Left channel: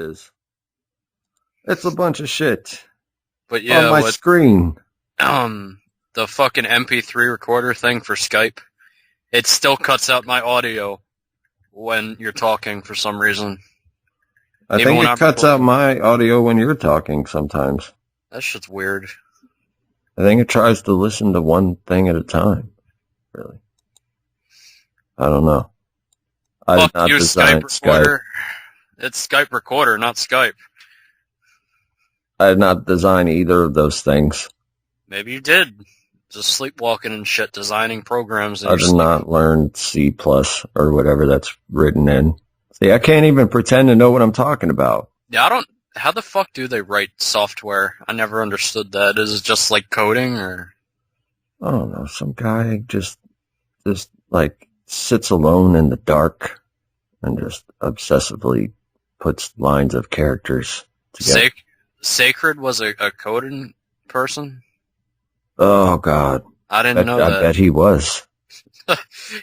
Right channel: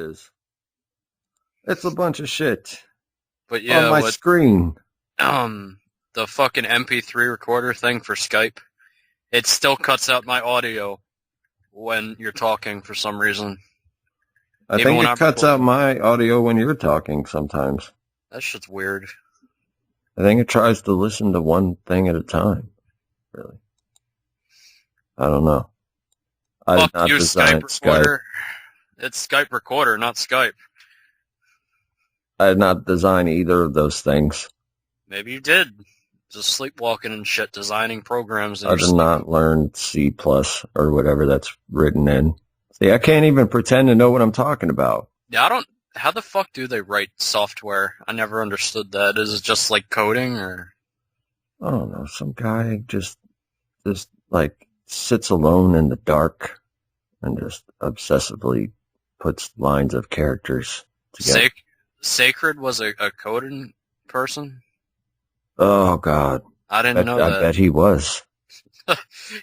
is. It's a bunch of shit. But yeah, on my screen. The fucking MP3 recorder thing for Skype, it still cuts out my audio when you're talking for some reason. I think it cuts out my audio when you're talking sometimes. That shit's weird. I think it tries to listen to one thing at a time. Really. I don't know. Fuck you, Skype recorder. It's Skype recorder, not Skype. I did not design either of those things. Maybe you did. Just sleepwalking and shit, designing programs. I did not learn C+ or whatever that's written in. See, I can't even pretend to know what I'm talking about. Yeah, how the fuck do they write software? I never understood that. Is it just like coding, or? I don't know. Some guy just like sits alone in the dark and just obsessively puts lines of characters together. Sacred was a coding person? Oh, God. I didn't know that. I bet he was.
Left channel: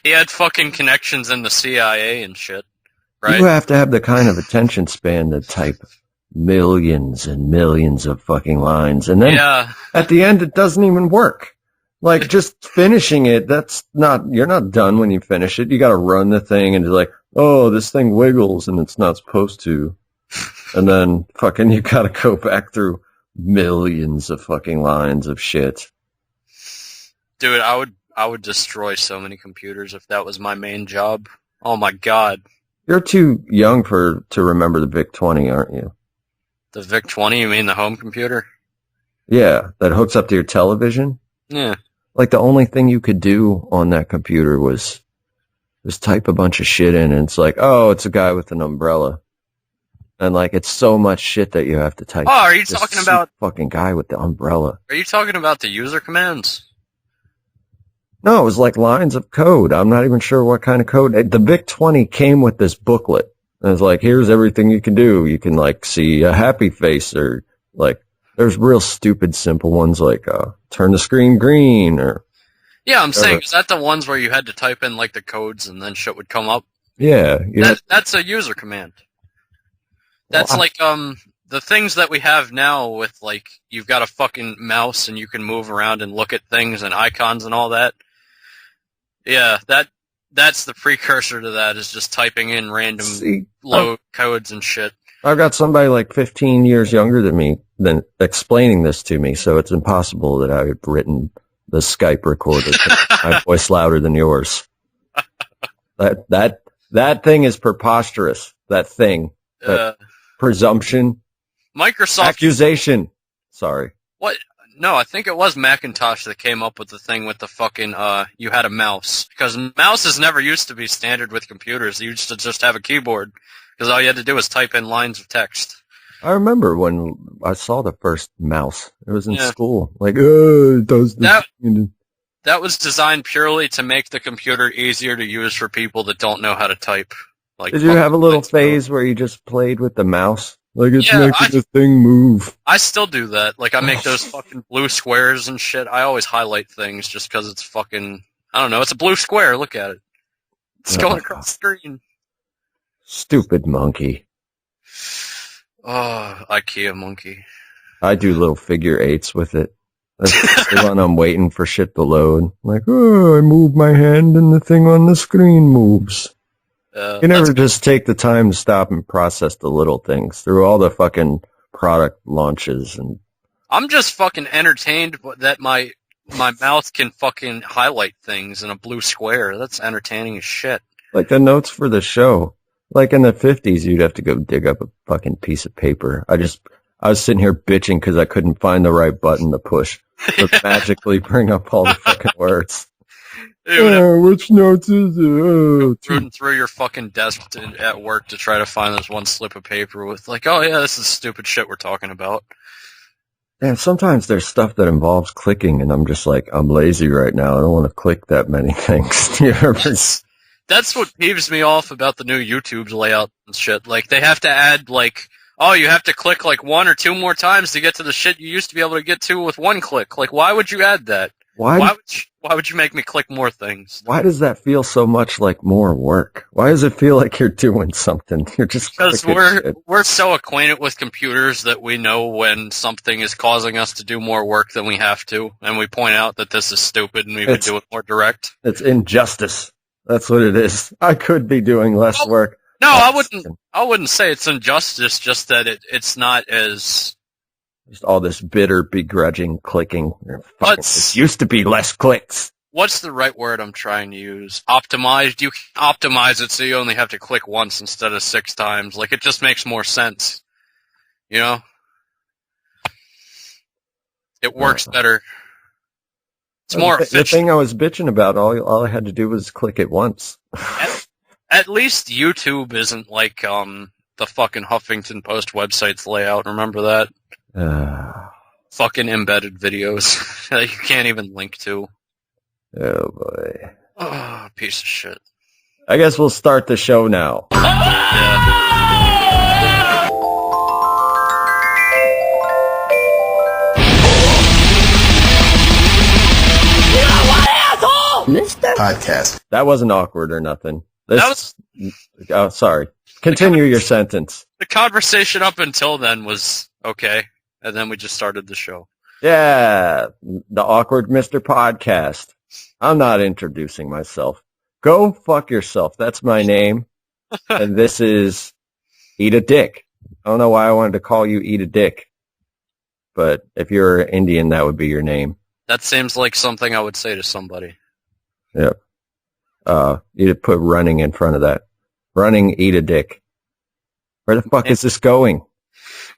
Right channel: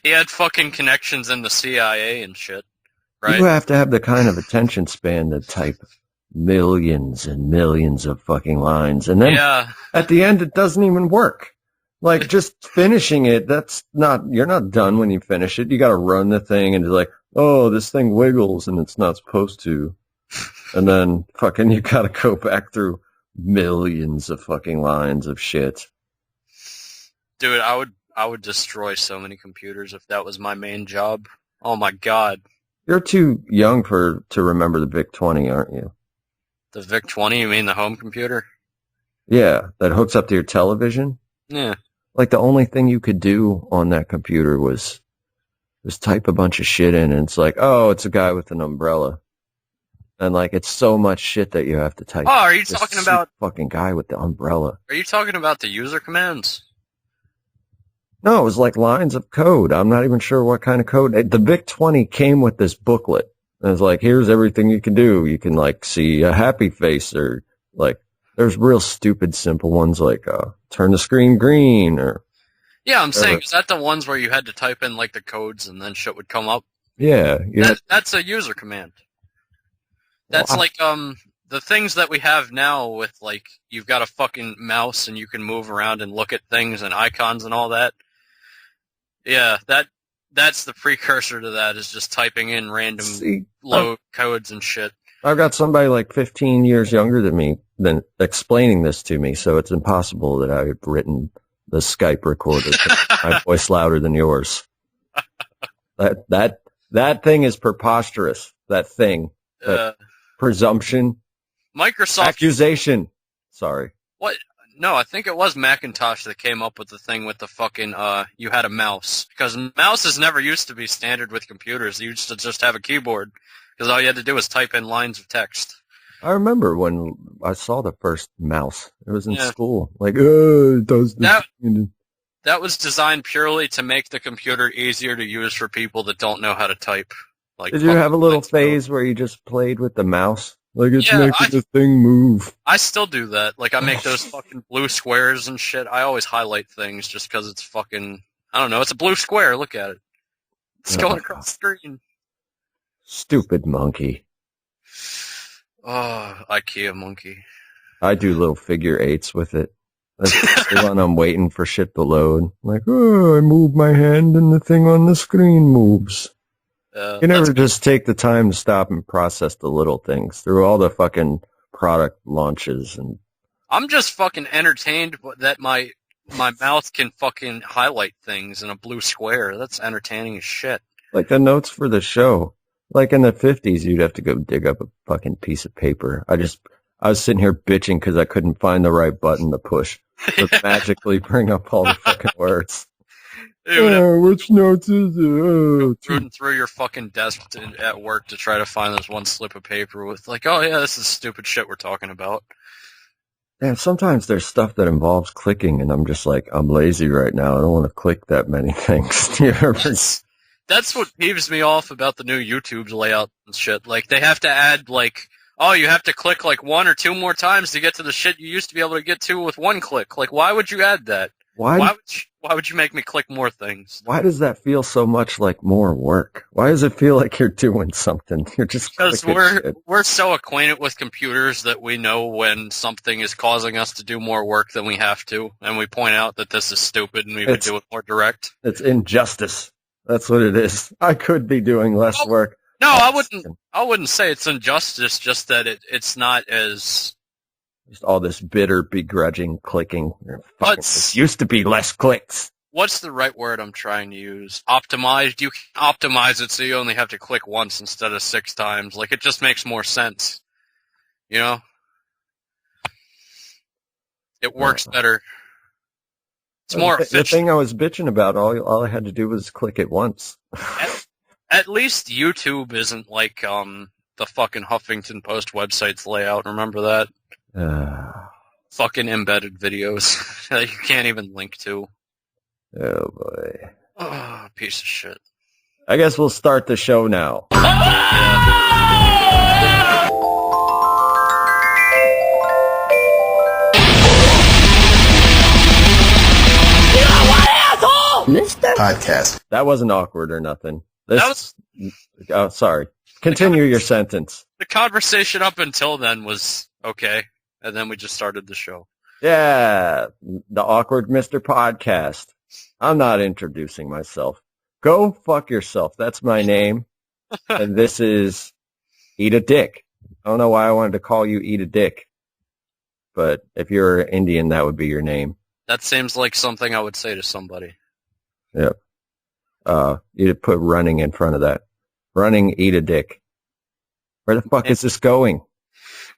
He had fucking connections in the CIA and shit, right? You have to have the kind of attention span to type millions and millions of fucking lines. And then at the end, it doesn't even work. Like, just finishing it, you're not done when you finish it. You got to run the thing and you're like, oh, this thing wiggles and it's not supposed to. And then fucking you got to go back through millions of fucking lines of shit. Dude, I would destroy so many computers if that was my main job. Oh my god. You're too young to remember the VIC-20, aren't you? The VIC-20, you mean the home computer? Yeah, that hooks up to your television? Yeah. Like the only thing you could do on that computer was type a bunch of shit in, and it's like, oh, it's a guy with an umbrella. And like, it's so much shit that you have to type. Oh, are you talking about fucking guy with the umbrella? Are you talking about the user commands? No, it was like lines of code. I'm not even sure what kind of code. The VIC-20 came with this booklet. And it's like, here's everything you can do. You can like see a happy face, or like, there's real stupid simple ones like turn the screen green, or yeah, I'm saying, is that the ones where you had to type in like the codes and then shit would come up? Yeah, that's a user command. That's like the things that we have now with like you've got a fucking mouse and you can move around and look at things and icons and all that. Yeah, that's the precursor to that, is just typing in random low codes and shit. I've got somebody like 15 years younger than me explaining this to me, so it's impossible that I've written the Skype recorder. My voice louder than yours. That thing is preposterous. That thing. Presumption. Microsoft. Accusation. Sorry. What? No, I think it was Macintosh that came up with the thing with the fucking, you had a mouse. Because mouses never used to be standard with computers. You used to just have a keyboard. Because all you had to do was type in lines of text. I remember when I saw the first mouse. It was in school. Like, it does this. That was designed purely to make the computer easier to use for people that don't know how to type. Like, did you have a little phase where you just played with the mouse? Like, it's making the thing move. I still do that. Like, I make those fucking blue squares and shit. I always highlight things just because it's fucking... I don't know. It's a blue square. Look at it. It's going across the screen. Stupid monkey. Oh, Ikea Monkey. I do little figure eights with it. That's the one I'm waiting for shit to load. Like, oh, I move my hand and the thing on the screen moves. You never just take the time to stop and process the little things through all the fucking product launches. And I'm just fucking entertained that my mouth can fucking highlight things in a blue square. That's entertaining as shit. Like the notes for the show. Like in the 50s, you'd have to go dig up a fucking piece of paper. I was sitting here bitching because I couldn't find the right button to push to magically bring up all the fucking words. Which notes is it? Through your fucking desk at work to try to find this one slip of paper with like, oh yeah, this is stupid shit we're talking about. Yeah, sometimes there's stuff that involves clicking, and I'm just like, I'm lazy right now. I don't want to click that many things. That's what peeves me off about the new YouTube layout and shit. Like, they have to add, like, oh, you have to click, like, 1 or 2 more times to get to the shit you used to be able to get to with one click. Like, why would you add that? Why would you make me click more things? Why does that feel so much like more work? Why does it feel like you're doing something? You're just because we're so acquainted with computers that we know when something is causing us to do more work than we have to, and we point out that this is stupid and we would do it more direct. It's injustice. That's what it is. I could be doing less work. No, I wouldn't say it's injustice. Just that it's not as. Just all this bitter, begrudging clicking. It used to be less clicks. What's the right word I'm trying to use? Optimized? You can optimize it so you only have to click once instead of 6 times. Like, it just makes more sense. You know? It works better. It's more efficient. The thing I was bitching about, all I had to do was click it once. At least YouTube isn't like the fucking Huffington Post website's layout. Remember that? Fucking embedded videos that you can't even link to. Oh, boy. Oh, piece of shit. I guess we'll start the show now. Mr. Podcast. That wasn't awkward or nothing. Sorry. Continue your sentence. The conversation up until then was okay, and then we just started the show. Yeah, the awkward Mr. Podcast. I'm not introducing myself. Go fuck yourself. That's my name. And this is Eat a Dick. I don't know why I wanted to call you Eat a Dick. But if you're Indian, that would be your name. That seems like something I would say to somebody. Yep. You'd put running in front of that. Running, Eat a Dick. Where the fuck is this going?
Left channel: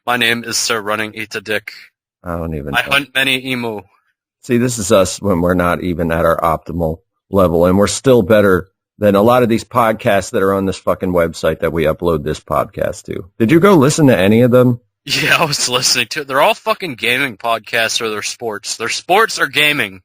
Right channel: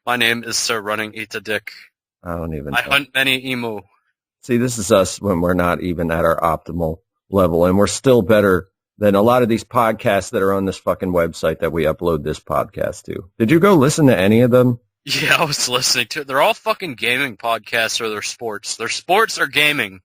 My name is Sir Running Eat a Dick. I don't even I hunt many emu. See, this is us when we're not even at our optimal level, and we're still better than a lot of these podcasts that are on this fucking website that we upload this podcast to. Did you go listen to any of them? Yeah, I was listening to it. They're all fucking gaming podcasts or they're sports. They're sports or gaming.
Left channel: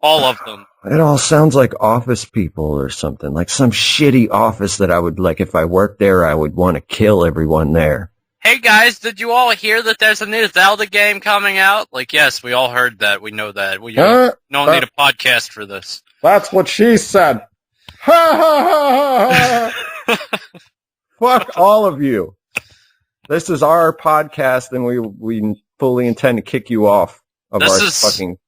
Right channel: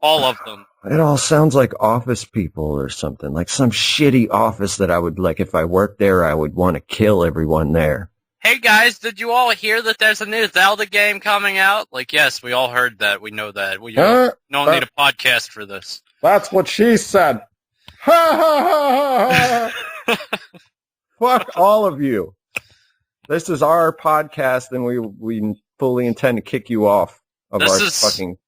All of them. It all sounds like office people or something, like some shitty office that I would, like, if I worked there, I would want to kill everyone there. Hey guys, did you all hear that there's a new Zelda game coming out? Like, yes, we all heard that. We know that. We don't need a podcast for this. That's what she said. Ha ha ha ha! Fuck all of you. This is our podcast, and we fully intend to kick you off of fucking.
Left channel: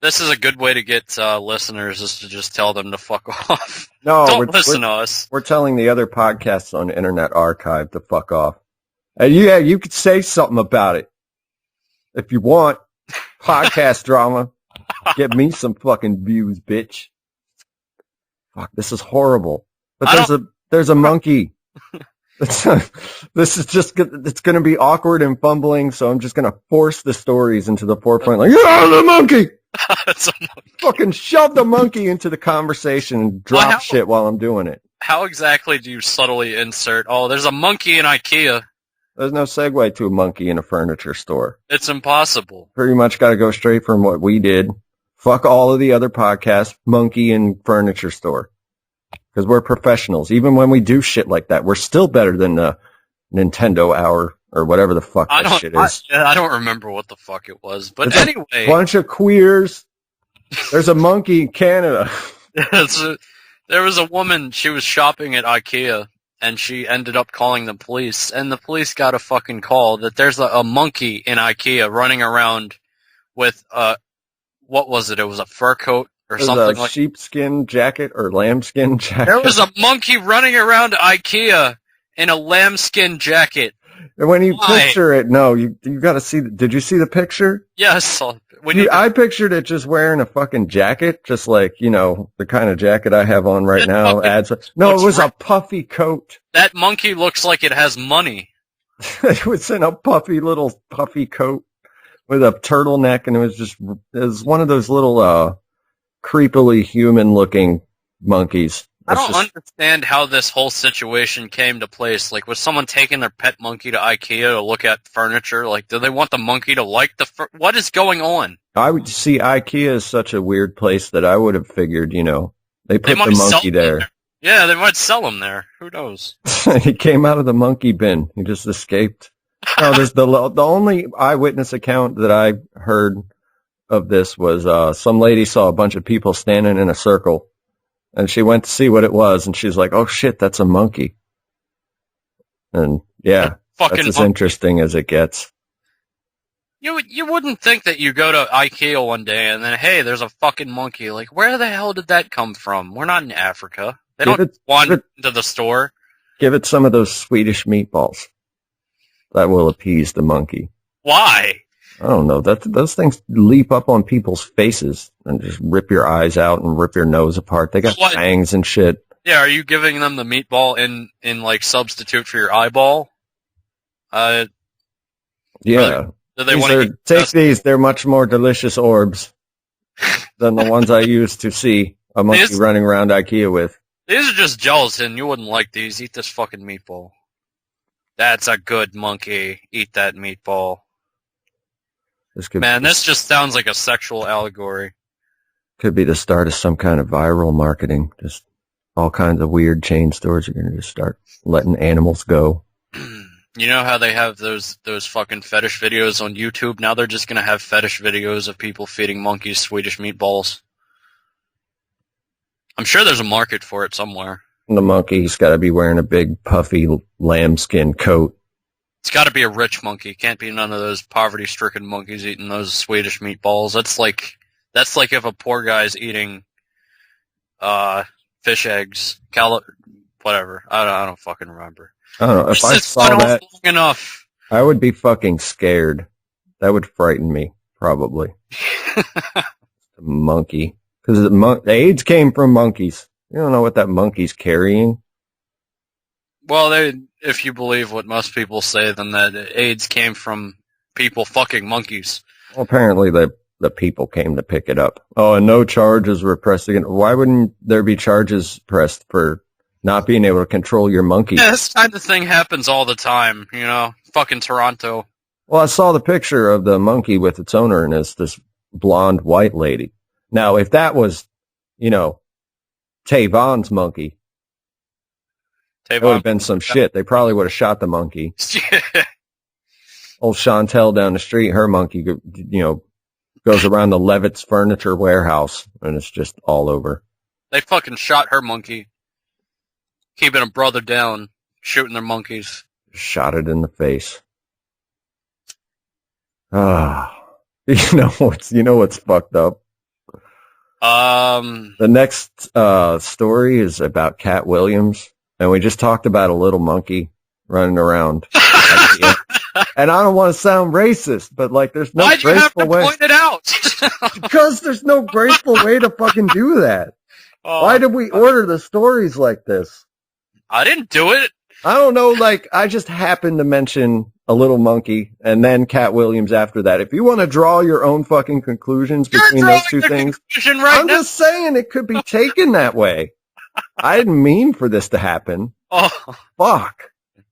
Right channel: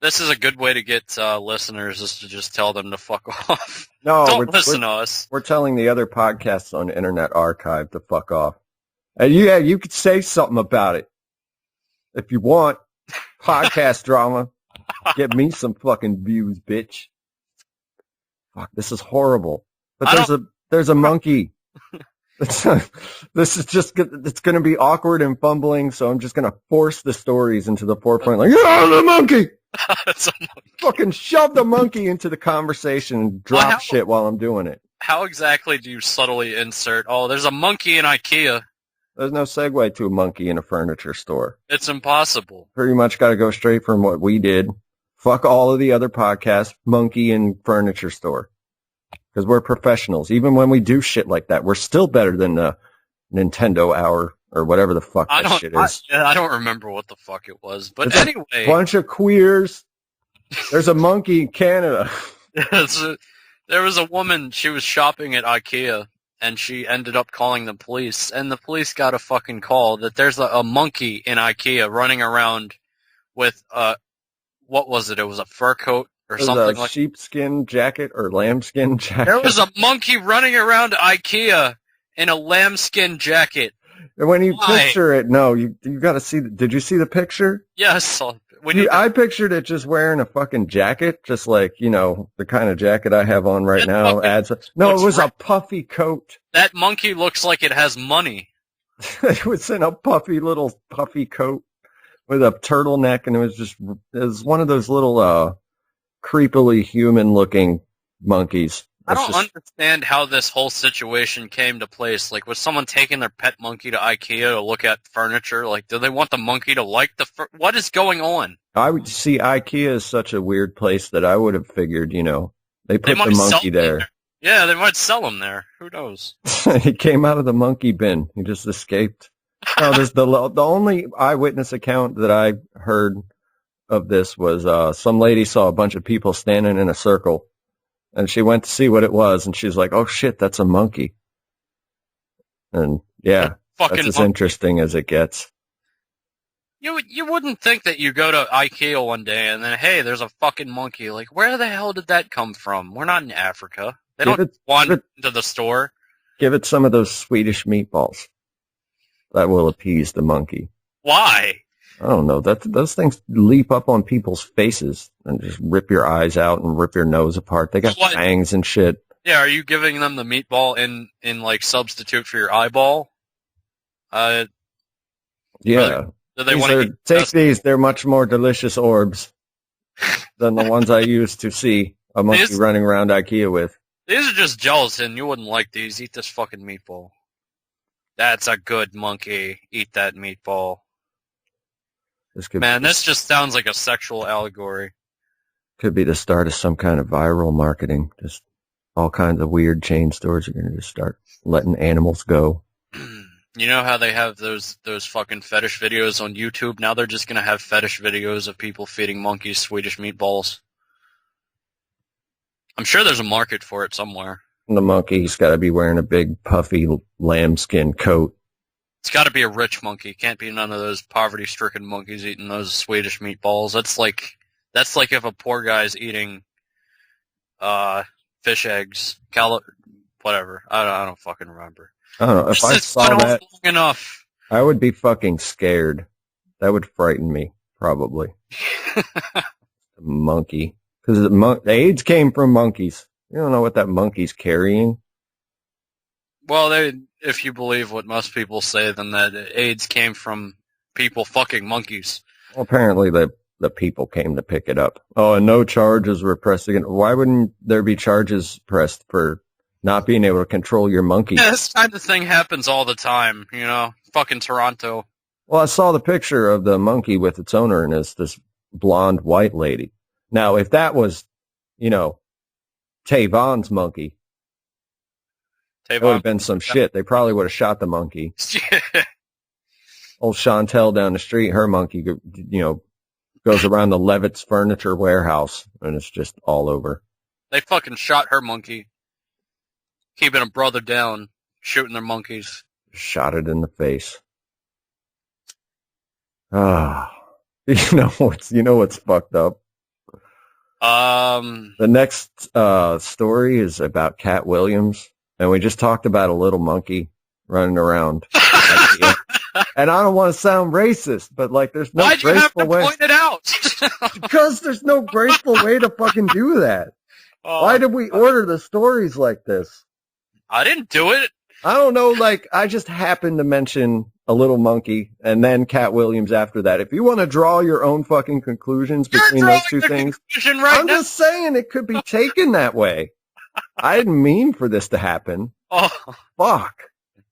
This is a good way to get listeners, is to just tell them to fuck off. No, don't listen to us. We're telling the other podcasts on Internet Archive to fuck off. And yeah, you could say something about it if you want. Podcast drama. Get me some fucking views, bitch. Fuck, this is horrible. But there's a monkey. This is just, it's going to be awkward and fumbling, so I'm just going to force the stories into the forefront. Like, yeah, the monkey! Fucking shove the monkey into the conversation and drop shit while I'm doing it. How exactly do you subtly insert, there's a monkey in Ikea? There's no segue to a monkey in a furniture store. It's impossible. Pretty much got to go straight from what we did. Fuck all of the other podcasts, monkey in furniture store. Because we're professionals. Even when we do shit like that, we're still better than the Nintendo Hour or whatever the fuck that shit is. I don't remember what the fuck it was. But anyway. A bunch of queers. There's a monkey in Canada. There was a woman, she was shopping at Ikea, and she ended up calling the police. And the police got a fucking call that there's a monkey in Ikea running around with, what was it? It was a fur coat. Or something like sheepskin jacket or lambskin jacket. There was a monkey running around IKEA in a lambskin jacket. And when you picture it, no, you got to see. Did you see the picture? Yes. I pictured it just wearing a fucking jacket, just like, the kind of jacket I have on right now. It was a puffy coat. That monkey looks like it has money. It was in a puffy coat with a turtleneck, and it was one of those little creepily human-looking monkeys. I don't understand how this whole situation came to place. Like, was someone taking their pet monkey to IKEA to look at furniture? Like, do they want the monkey to like what is going on? I would see IKEA as such a weird place that I would have figured, they put the monkey there. Yeah, they might sell him there. Who knows? He came out of the monkey bin. He just escaped. There's the only eyewitness account that I heard of this was some lady saw a bunch of people standing in a circle, and she went to see what it was, and she's like, "Oh shit, that's a monkey." And yeah, that's as interesting as it gets. You wouldn't think that you go to Ikea one day and then, hey, there's a fucking monkey. Like, where the hell did that come from? We're not in Africa. They don't wander to the store. Give it some of those Swedish meatballs. That will appease the monkey. Why? I don't know. Those things leap up on people's faces and just rip your eyes out and rip your nose apart. They got fangs and shit. Yeah, are you giving them the meatball in like substitute for your eyeball? Yeah. Do they want to take these? They're much more delicious orbs than the ones I used to see a monkey running around Ikea with. These are just gelatin. You wouldn't like these. Eat this fucking meatball. That's a good monkey. Eat that meatball. This just sounds like a sexual allegory. Could be the start of some kind of viral marketing. Just all kinds of weird chain stores are going to just start letting animals go. You know how they have those fucking fetish videos on YouTube? Now they're just going to have fetish videos of people feeding monkeys Swedish meatballs. I'm sure there's a market for it somewhere. The monkey's got to be wearing a big, puffy lambskin coat. It's got to be a rich monkey. Can't be none of those poverty-stricken monkeys eating those Swedish meatballs. That's like if a poor guy's eating fish eggs, whatever. I don't fucking remember. I don't know. If I saw that, I would be fucking scared. That would frighten me, probably. Monkey. Because the AIDS came from monkeys. You don't know what that monkey's carrying. Well, if you believe what most people say, then that AIDS came from people fucking monkeys. Well, apparently the people came to pick it up. Oh, and no charges were pressed against. Why wouldn't there be charges pressed for not being able to control your monkey? Yeah, this kind of thing happens all the time, you know? Fucking Toronto. Well, I saw the picture of the monkey with its owner, and it's this blonde white lady. Now, if that was, Tavon's monkey, it would have been some shit. They probably would have shot the monkey. Old Chantel down the street, her monkey, goes around the Levitt's furniture warehouse, and it's just all over. They fucking shot her monkey. Keeping a brother down, shooting their monkeys. Shot it in the face. You know what's fucked up? The next story is about Katt Williams, and we just talked about a little monkey running around. And I don't want to sound racist, but there's no graceful way. Why'd you have to point it out? Because there's no graceful way to fucking do that. Why did we order the stories like this? I didn't do it. I don't know, I just happened to mention a little monkey and then Katt Williams after that. If you want to draw your own fucking conclusions between those two things, I'm just saying it could be taken that way. I didn't mean for this to happen. Oh. Fuck.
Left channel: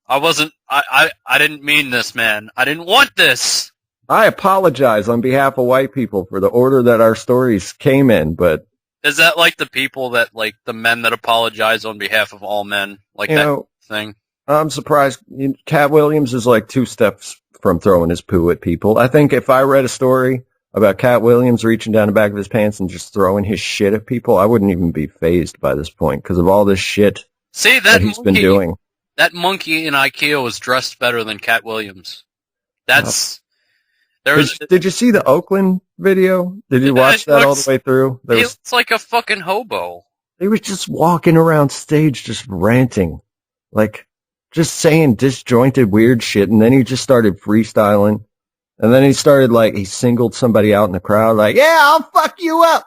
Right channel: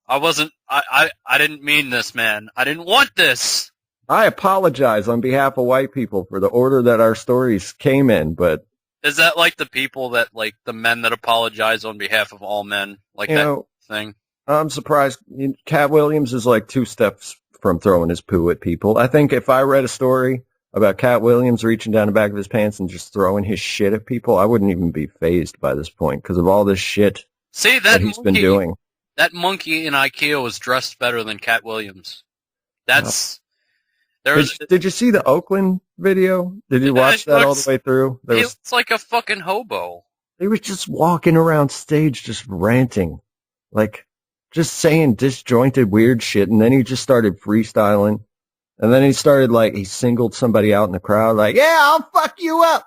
I didn't mean this, man. I didn't want this. I apologize on behalf of white people for the order that our stories came in, but... Is that like the people that, the men that apologize on behalf of all men? That thing? I'm surprised. Katt Williams is 2 steps from throwing his poo at people. I think if I read a story about Katt Williams reaching down the back of his pants and just throwing his shit at people, I wouldn't even be fazed by this point because of all this shit that he's been doing. That monkey in Ikea was dressed better than Katt Williams. Did you see the Oakland video? Did you watch that all the way through? It's like a fucking hobo. He was just walking around stage just ranting. Just saying disjointed weird shit, and then he just started freestyling. And then he started, he singled somebody out in the crowd, yeah, I'll fuck you up!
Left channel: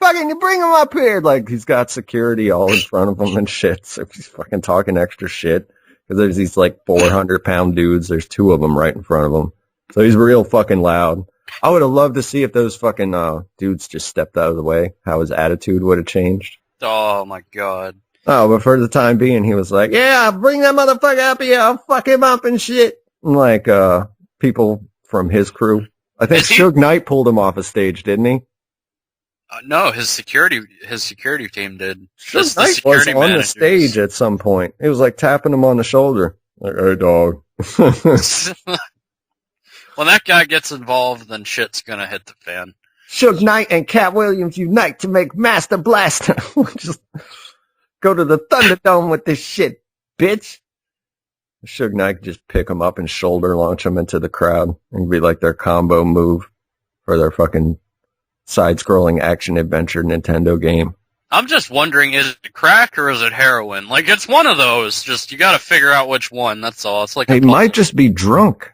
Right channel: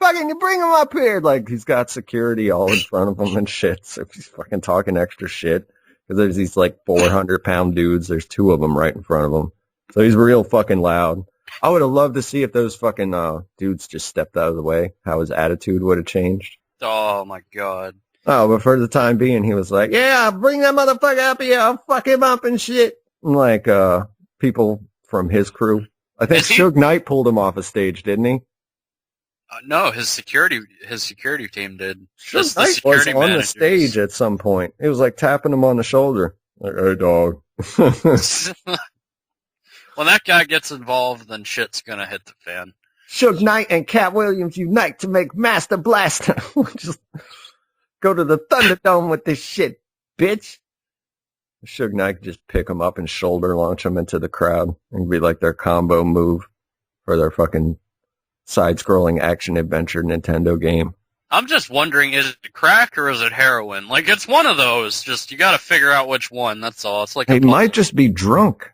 Fucking, you bring him up here! He's got security all in front of him and shit, so he's fucking talking extra shit. Because there's these, 400-pound dudes, there's 2 of them right in front of him. So he's real fucking loud. I would have loved to see if those fucking dudes just stepped out of the way, how his attitude would have changed. Oh, my God. Oh, but for the time being, he was yeah, bring that motherfucker up here, I'll fuck him up and shit. And people from his crew. I think Suge Knight pulled him off a stage, didn't he? No, his security team did. Suge Knight was on the stage at some point. It was tapping him on the shoulder. Hey, dog. When that guy gets involved, then shit's gonna hit the fan. Suge Knight and Katt Williams unite to make Master Blaster. Just go to the Thunderdome with this shit, bitch. Suge Knight could just pick them up and shoulder launch them into the crowd and be like their combo move for their fucking side-scrolling action-adventure Nintendo game. I'm just wondering, is it crack or is it heroin? Like, it's one of those. Just, you gotta figure out which one, that's all. It's like he might just be drunk.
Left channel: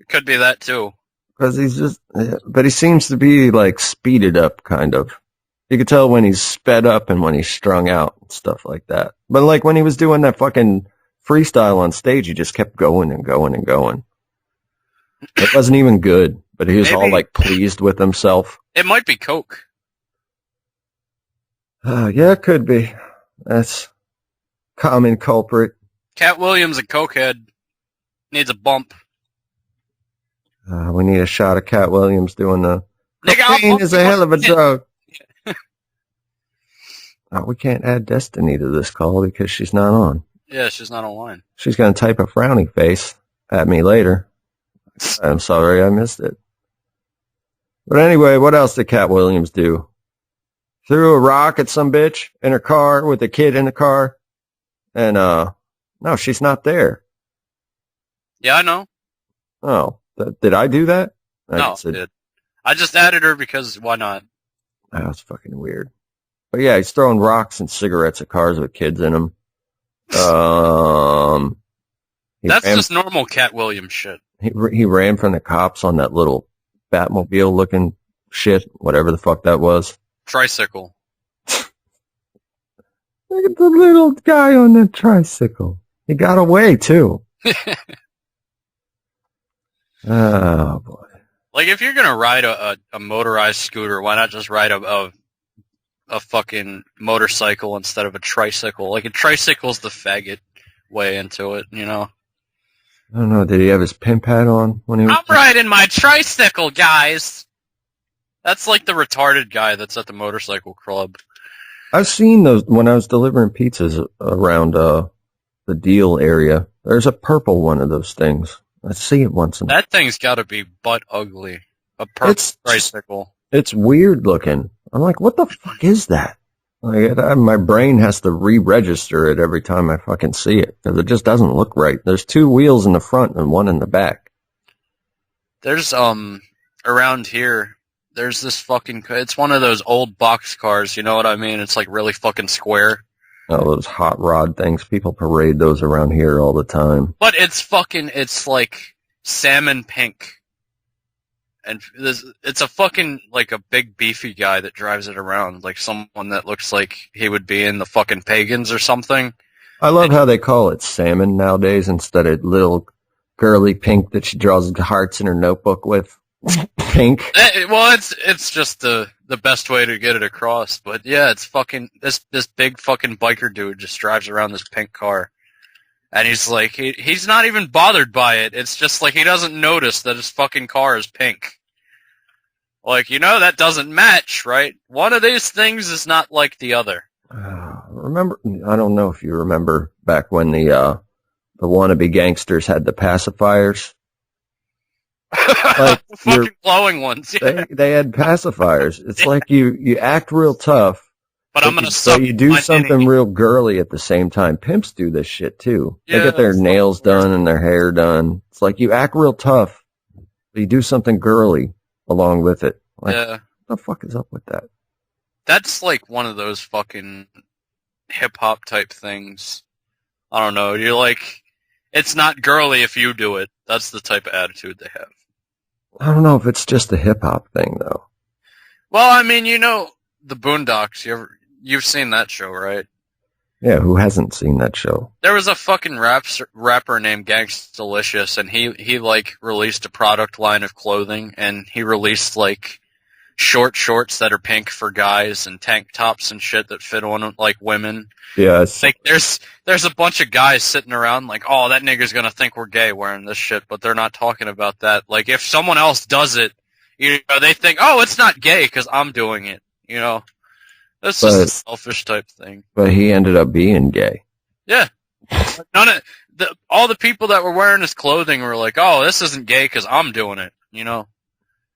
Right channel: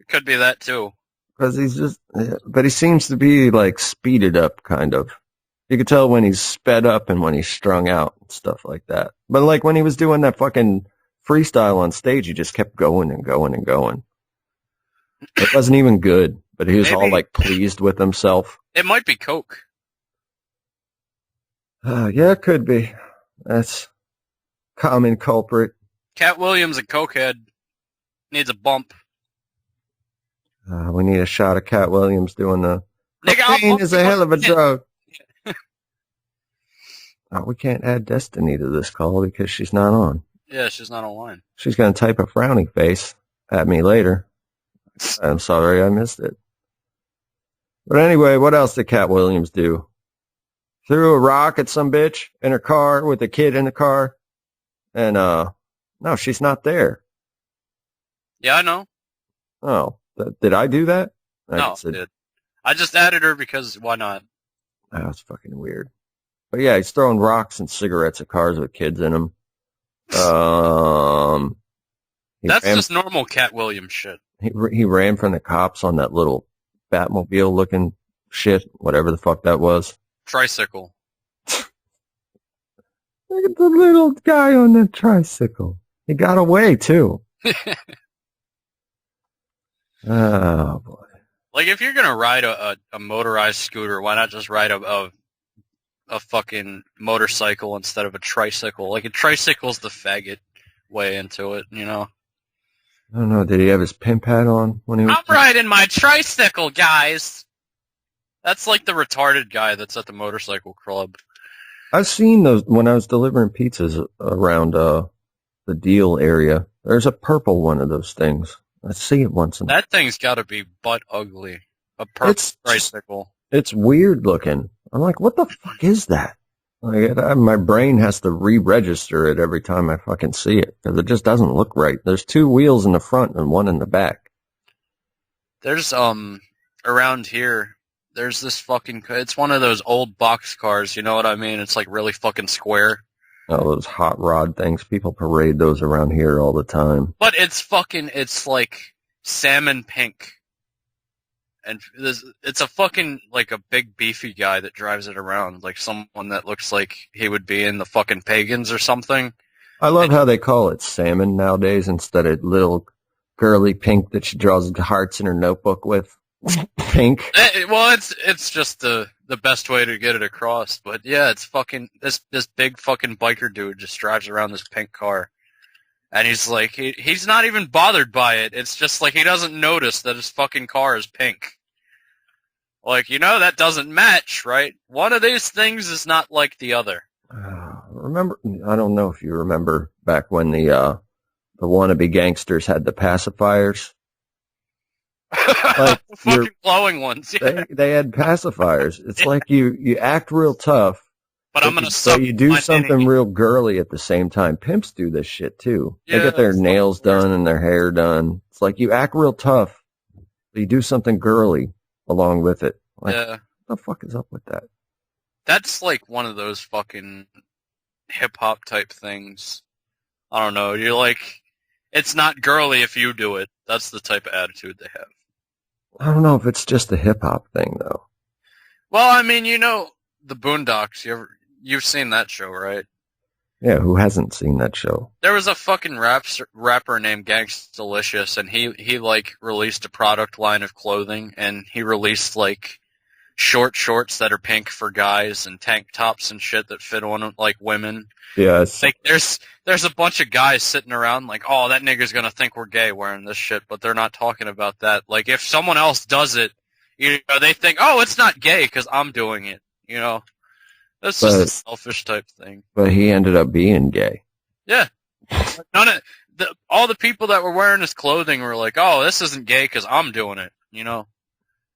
It could be that, too. Because but he seems to be, like, speeded up, kind of. You could tell when he's sped up and when he's strung out and stuff like that. But, like, when he was doing that fucking freestyle on stage, he just kept going and going and going. It wasn't even good, but he was all, like, pleased with himself. It might be coke. Yeah, it could be. That's common culprit. Katt Williams, a cokehead, needs a bump. We need a shot of Katt Williams doing the profane is a hell of a drug. We can't add Destiny to this call because she's not on. Yeah, she's not online. She's going to type a frowny face at me later. I'm sorry I missed it. But anyway, what else did Katt Williams do? Threw a rock at some bitch in her car with a kid in the car. And, no, she's not there. Yeah, I know. Oh, did I do that? No, I did. I just added her because why not? Oh, that's fucking weird. But yeah, he's throwing rocks and cigarettes at cars with kids in them. That's just normal Katt Williams shit. He ran from the cops on that little Batmobile-looking shit, whatever the fuck that was. Tricycle. Look at the little guy on the tricycle. He got away, too. Oh, boy. Like, if you're gonna ride a motorized scooter, why not just ride a fucking motorcycle instead of a tricycle? Like, a tricycle's the faggot way into it, you know? I don't know. Did he have his pimp hat on when he was... I'm riding my tricycle, guys! That's like the retarded guy that's at the motorcycle club. I've seen those when I was delivering pizzas around the Deal area. There's a purple one of those things. I see it once in a while. That thing's gotta be butt ugly. A purple tricycle. It's weird looking. I'm like, what the fuck is that? Like, my brain has to re-register it every time I fucking see it, because it just doesn't look right. There's two wheels in the front and one in the back. There's, around here, there's this fucking, it's one of those old box cars, you know what I mean? It's like really fucking square. Oh, those hot rod things. People parade those around here all the time. But it's like salmon pink. And it's a fucking, like, a big beefy guy that drives it around, like someone that looks like he would be in the fucking Pagans or something. I love how they call it salmon nowadays instead of little girly pink that she draws hearts in her notebook with. Pink. Well, it's just the best way to get it across. But yeah, it's fucking, this big fucking biker dude just drives around this pink car. And he's like, he's not even bothered by it. It's just like he doesn't notice that his fucking car is pink. Like, you know, that doesn't match, right? One of these things is not like the other. Remember, I don't know if you remember back when the wannabe gangsters had the pacifiers. Like, fucking glowing ones, yeah. They had pacifiers. It's like you act real tough. But I'm gonna so you do something real girly at the same time. Pimps do this shit too. Yeah, they get their nails done and their hair done. It's like you act real tough, but you do something girly along with it. Like, yeah. What the fuck is up with that? That's like one of those fucking hip-hop type things. I don't know. You're like, it's not girly if you do it. That's the type of attitude they have. I don't know if it's just a hip-hop thing, though. Well, I mean, you know, the Boondocks, you've seen that show, right? Yeah, who hasn't seen that show? There was a fucking rapper named Gangstalicious, and he like released a product line of clothing, and he released like short shorts that are pink for guys and tank tops and shit that fit on like women. Yeah, like there's a bunch of guys sitting around like, oh, that nigga's gonna think we're gay wearing this shit, but they're not talking about that. Like if someone else does it, you know, they think, oh, it's not gay because I'm doing it. You know. That's just a selfish type thing. But he ended up being gay. Yeah. All the people that were wearing his clothing were like, oh, this isn't gay because I'm doing it, you know?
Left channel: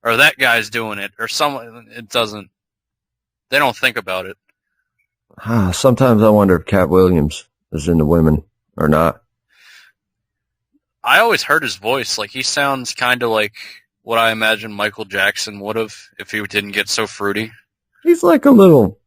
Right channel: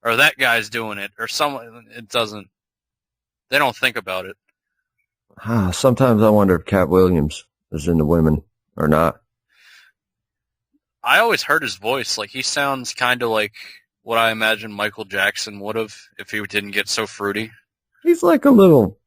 or that guy's doing it, or someone. It doesn't. They don't think about it. Sometimes I wonder if Katt Williams is into women or not. I always heard his voice. Like, he sounds kind of like what I imagine Michael Jackson would have if he didn't get so fruity. He's like a little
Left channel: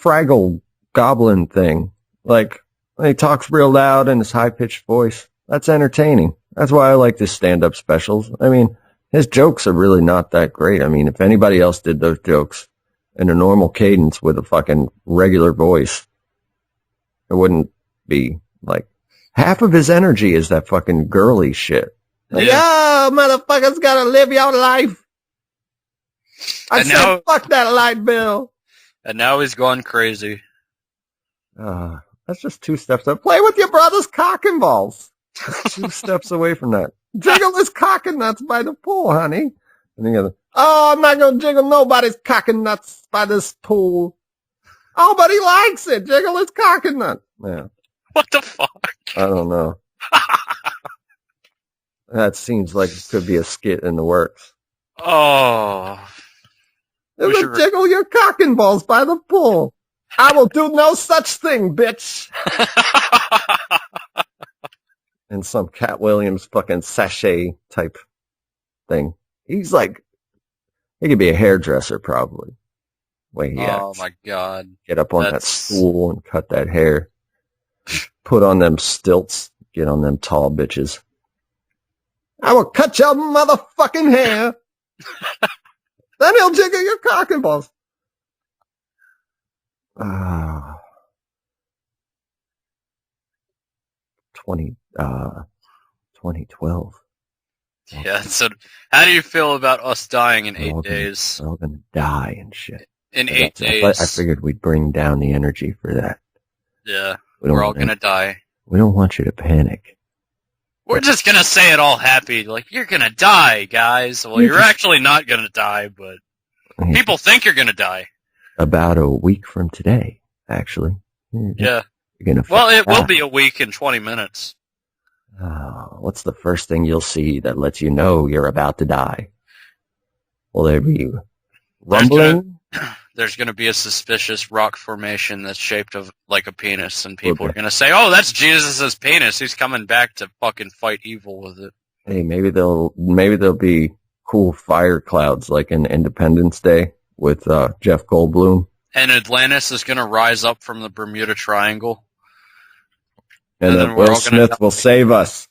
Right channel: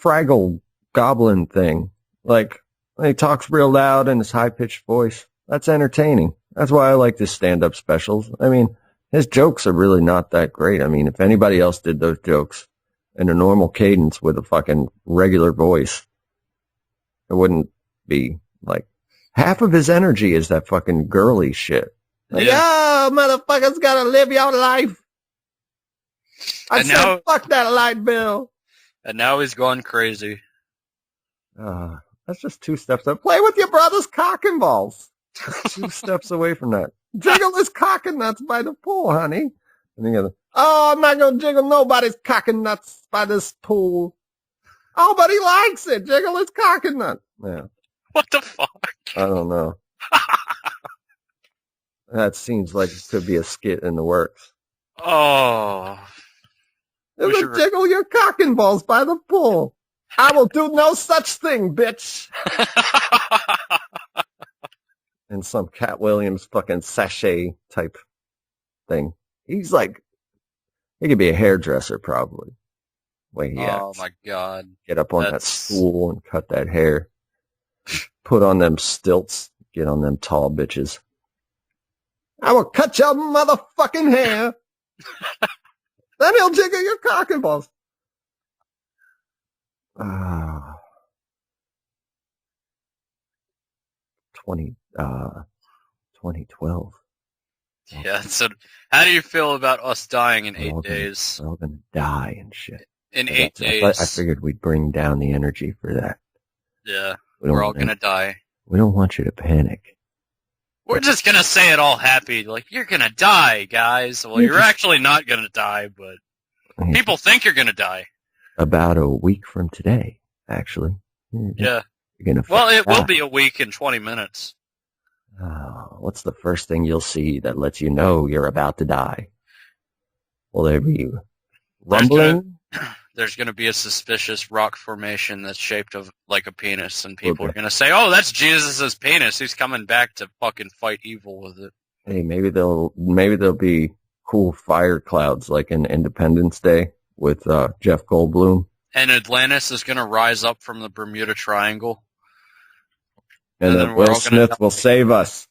Fraggle goblin thing. Like, he talks real loud in his high-pitched voice. That's entertaining. That's why I like his stand-up specials. I mean, his jokes are really not that great. I mean, if anybody else did those jokes in a normal cadence with a fucking regular voice, it wouldn't be like... Half of his energy is that fucking girly shit. Like, motherfuckers gotta live your life. I said, fuck that light bill. And now he's gone crazy. That's just 2 steps up. Play with your brother's cock and balls. That's 2 steps away from that. Jiggle his cock and nuts by the pool, honey. And you go, I'm not gonna jiggle nobody's cock and nuts by this pool. Oh, but he likes it. Jiggle his cock and nuts. Yeah. What the fuck? I don't know. That seems like it could be a skit in the works. Oh. Jiggle your cock and balls by the pool. I will do no such thing, bitch. And some Katt Williams fucking sachet type thing. He's like, he could be a hairdresser probably. Way he acts. My God. Get up on that stool and cut that hair. Put on them stilts. Get on them tall bitches. I will cut your motherfucking hair. Then he'll jiggle your cock and balls. 2012. Yeah, so how do you feel about us dying in 8 days? We're all gonna die and shit. In 8 days. I figured we'd bring down the energy for that. Yeah, we're all gonna die. We don't want you to panic. We're just gonna say it all happy, like, you're gonna die, guys. Well, you're actually not gonna die, but people think you're gonna die. About a week from today, actually. Yeah. You're gonna well, it will be a week in 20 minutes. What's the first thing you'll see that lets you know you're about to die? Will there be rumbling? There's going to be a suspicious rock formation that's shaped like a penis, and people are going to say, oh, that's Jesus' penis. He's coming back to fucking fight evil with it. Hey, maybe there'll be cool fire clouds like in Independence Day with Jeff Goldblum. And Atlantis is going to rise up from the Bermuda Triangle. And then Will Smith will save us.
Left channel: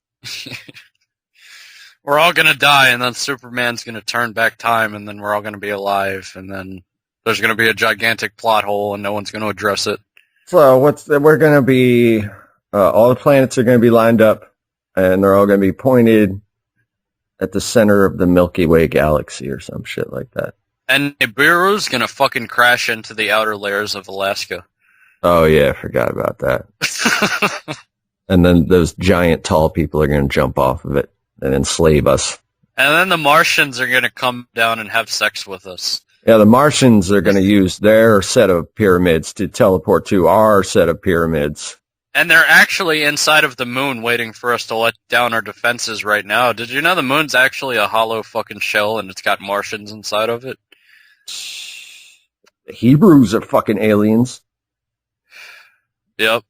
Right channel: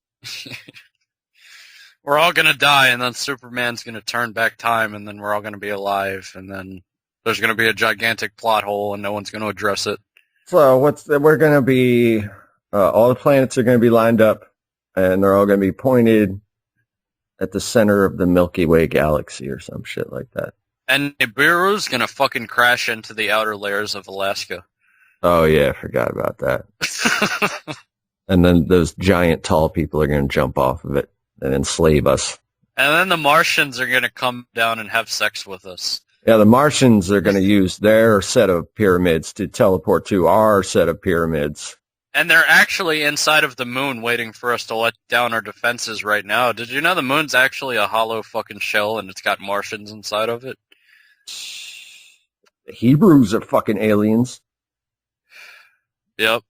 We're all going to die, and then Superman's going to turn back time, and then we're all going to be alive, and then there's going to be a gigantic plot hole, and no one's going to address it. So we're going to be, all the planets are going to be lined up, and they're all going to be pointed at the center of the Milky Way galaxy or some shit like that. And Nibiru's going to fucking crash into the outer layers of Alaska. Oh, yeah, I forgot about that. And then those giant tall people are going to jump off of it and enslave us. And then the Martians are going to come down and have sex with us. Yeah, the Martians are going to use their set of pyramids to teleport to our set of pyramids. And they're actually inside of the moon waiting for us to let down our defenses right now. Did you know the moon's actually a hollow fucking shell and it's got Martians inside of it? The Hebrews are fucking aliens. Yep.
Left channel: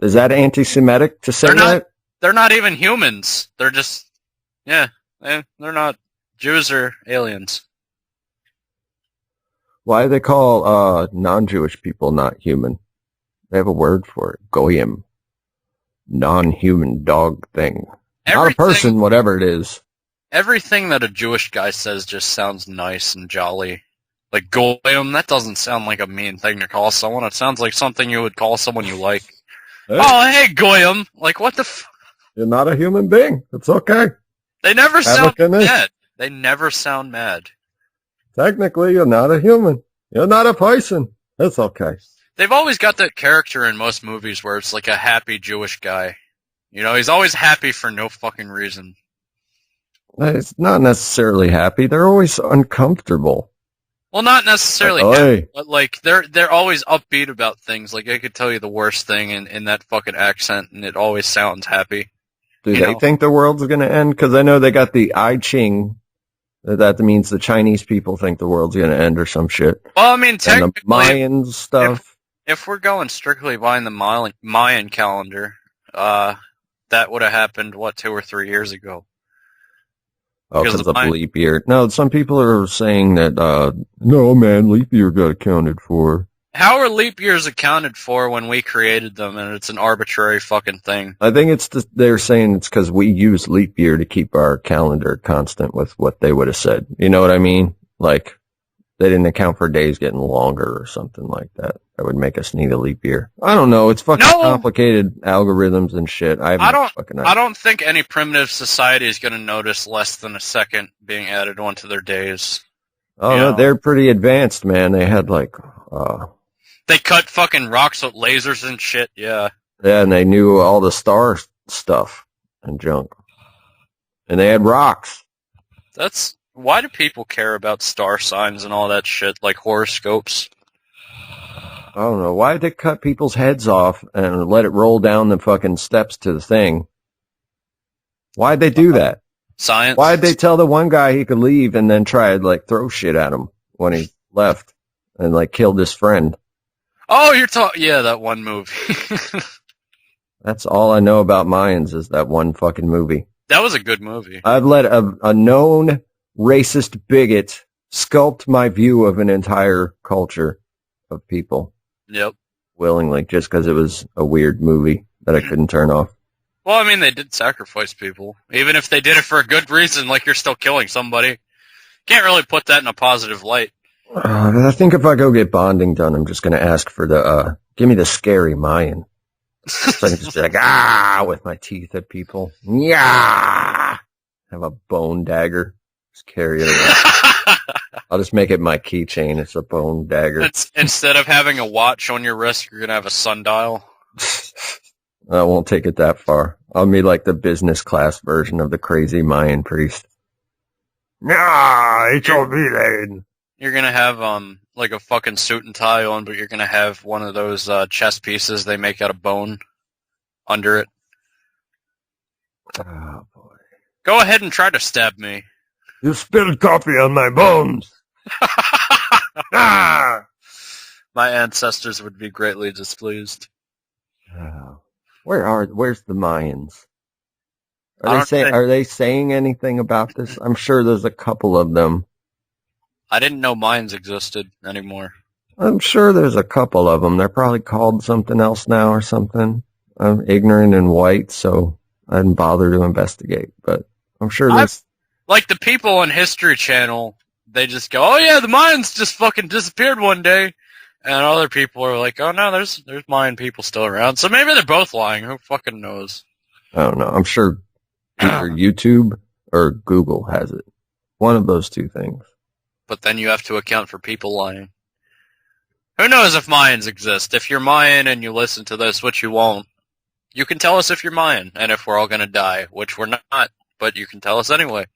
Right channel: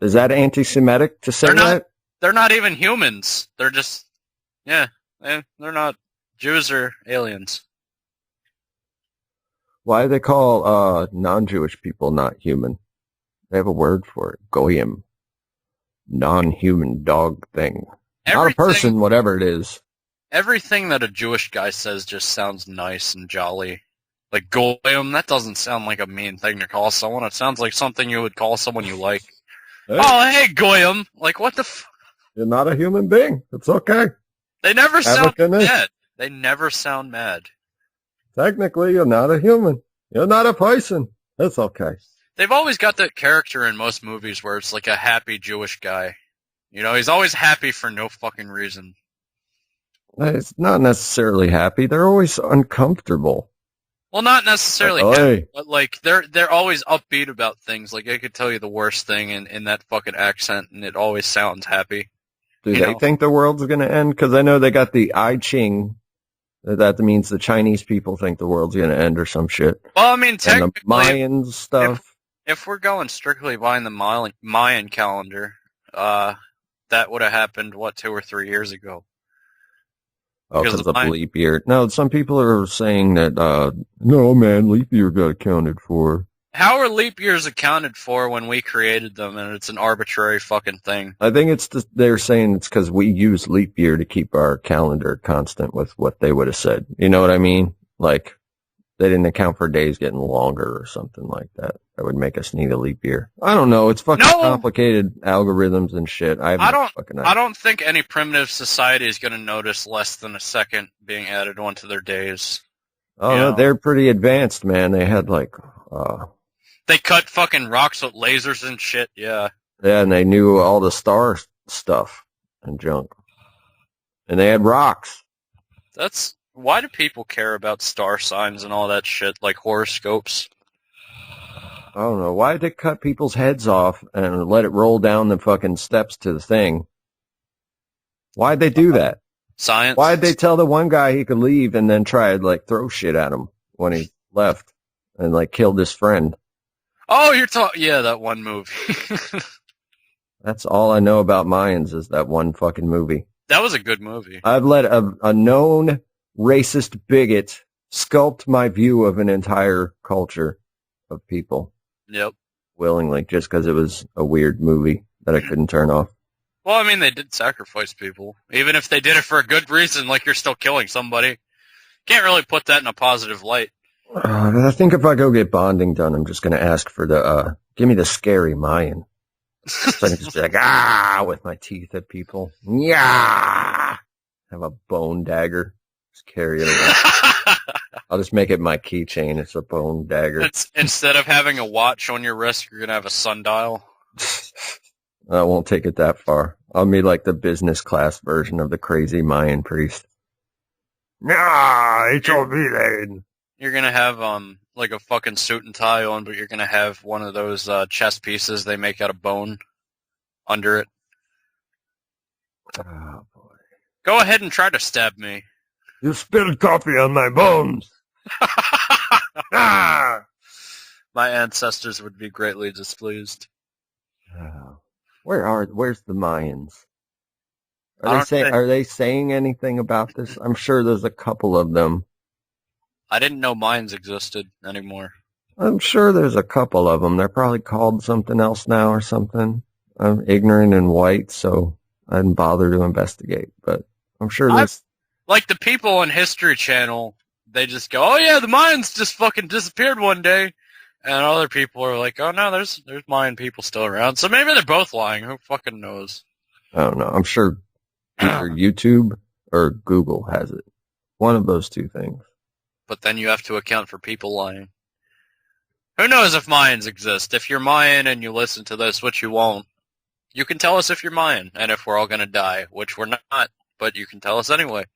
Is that anti-Semitic to say that? They're not even humans. They're just, they're not. Jews are aliens. Why do they call non-Jewish people not human? They have a word for it. Goyim. Non-human dog thing. Not a person, whatever it is. Everything that a Jewish guy says just sounds nice and jolly. Like Goyim, that doesn't sound like a mean thing to call someone. It sounds like something you would call someone you like. Hey. Oh, hey, Goyim. Like, what the You're not a human being. It's okay. They never sound mad. They never sound mad. Technically, you're not a human. You're not a person. It's okay. They've always got that character in most movies where it's like a happy Jewish guy. You know, he's always happy for no fucking reason. It's not necessarily happy. They're always uncomfortable. Well, not necessarily happy, but like they're always upbeat about things. Like I could tell you the worst thing in that fucking accent, and it always sounds happy. Do they think the world's going to end? Because I know they got the I Ching That means the Chinese people think the world's going to end or some shit. Well, I mean, And technically, the Mayan stuff. If we're going strictly by the Mayan calendar, that would have happened, 2 or 3 years ago. Oh, because of leap year. No, some people are saying that, no, man, leap year got accounted for. How are leap years accounted for when we created them and it's an arbitrary fucking thing? I think they're saying it's because we use leap year to keep our calendar constant with what they would have said. You know what I mean? Like, they didn't account for days getting longer or something like that. That would make us need a leap year. I don't know. It's fucking complicated algorithms and shit. I don't think any primitive society is going to notice less than a second being added onto their days. Oh, no, they're pretty advanced, man. They had, like... They cut fucking rocks with lasers and shit, yeah. Yeah, and they knew all the star stuff and junk. And they had rocks. Why do people care about star signs and all that shit, like horoscopes? I don't know. Why did they cut people's heads off and let it roll down the fucking steps to the thing? Why'd they do that? Science. Why'd they tell the one guy he could leave and then try to, like, throw shit at him when he left and, like, killed his friend? Oh, yeah, that one movie. That's all I know about Mayans is that one fucking movie. That was a good movie. I've let a known racist bigot sculpt my view of an entire culture of people. Yep. Willingly, just because it was a weird movie that I couldn't turn off. Well, I mean, they did sacrifice people. Even if they did it for a good reason, like you're still killing somebody. Can't really put that in a positive light. I think if I go get bonding done, I'm just going to ask for give me the scary Mayan. So I can just be like, with my teeth at people. Yeah. Have a bone dagger. Just carry it around. I'll just make it my keychain. It's a bone dagger. Instead of having a watch on your wrist, you're going to have a sundial. I won't take it that far. I'll be like the business class version of the crazy Mayan priest. Yeah, it's all me, You're going to have, like a fucking suit and tie on, but you're going to have one of those chess pieces they make out of bone under it. Oh, boy. Go ahead and try to stab me. You spilled coffee on my bones. My ancestors would be greatly displeased. Where's the Mayans? Are they saying anything about this? I'm sure there's a couple of them. I didn't know Mayans existed anymore. I'm sure there's a couple of them. They're probably called something else now or something. I'm ignorant and white, so I didn't bother to investigate. But I'm sure there's... Like the people on History Channel, they just go, oh yeah, the Mayans just fucking disappeared one day. And other people are like, oh no, there's Mayan people still around. So maybe they're both lying. Who fucking knows? I don't know. I'm sure either YouTube or Google has it. One of those two things. But then you have to account for people lying. Who knows if Mayans exist? If you're Mayan and you listen to this, which you won't, you can tell us if you're Mayan and if we're all going to die, which we're not, but you can tell us anyway.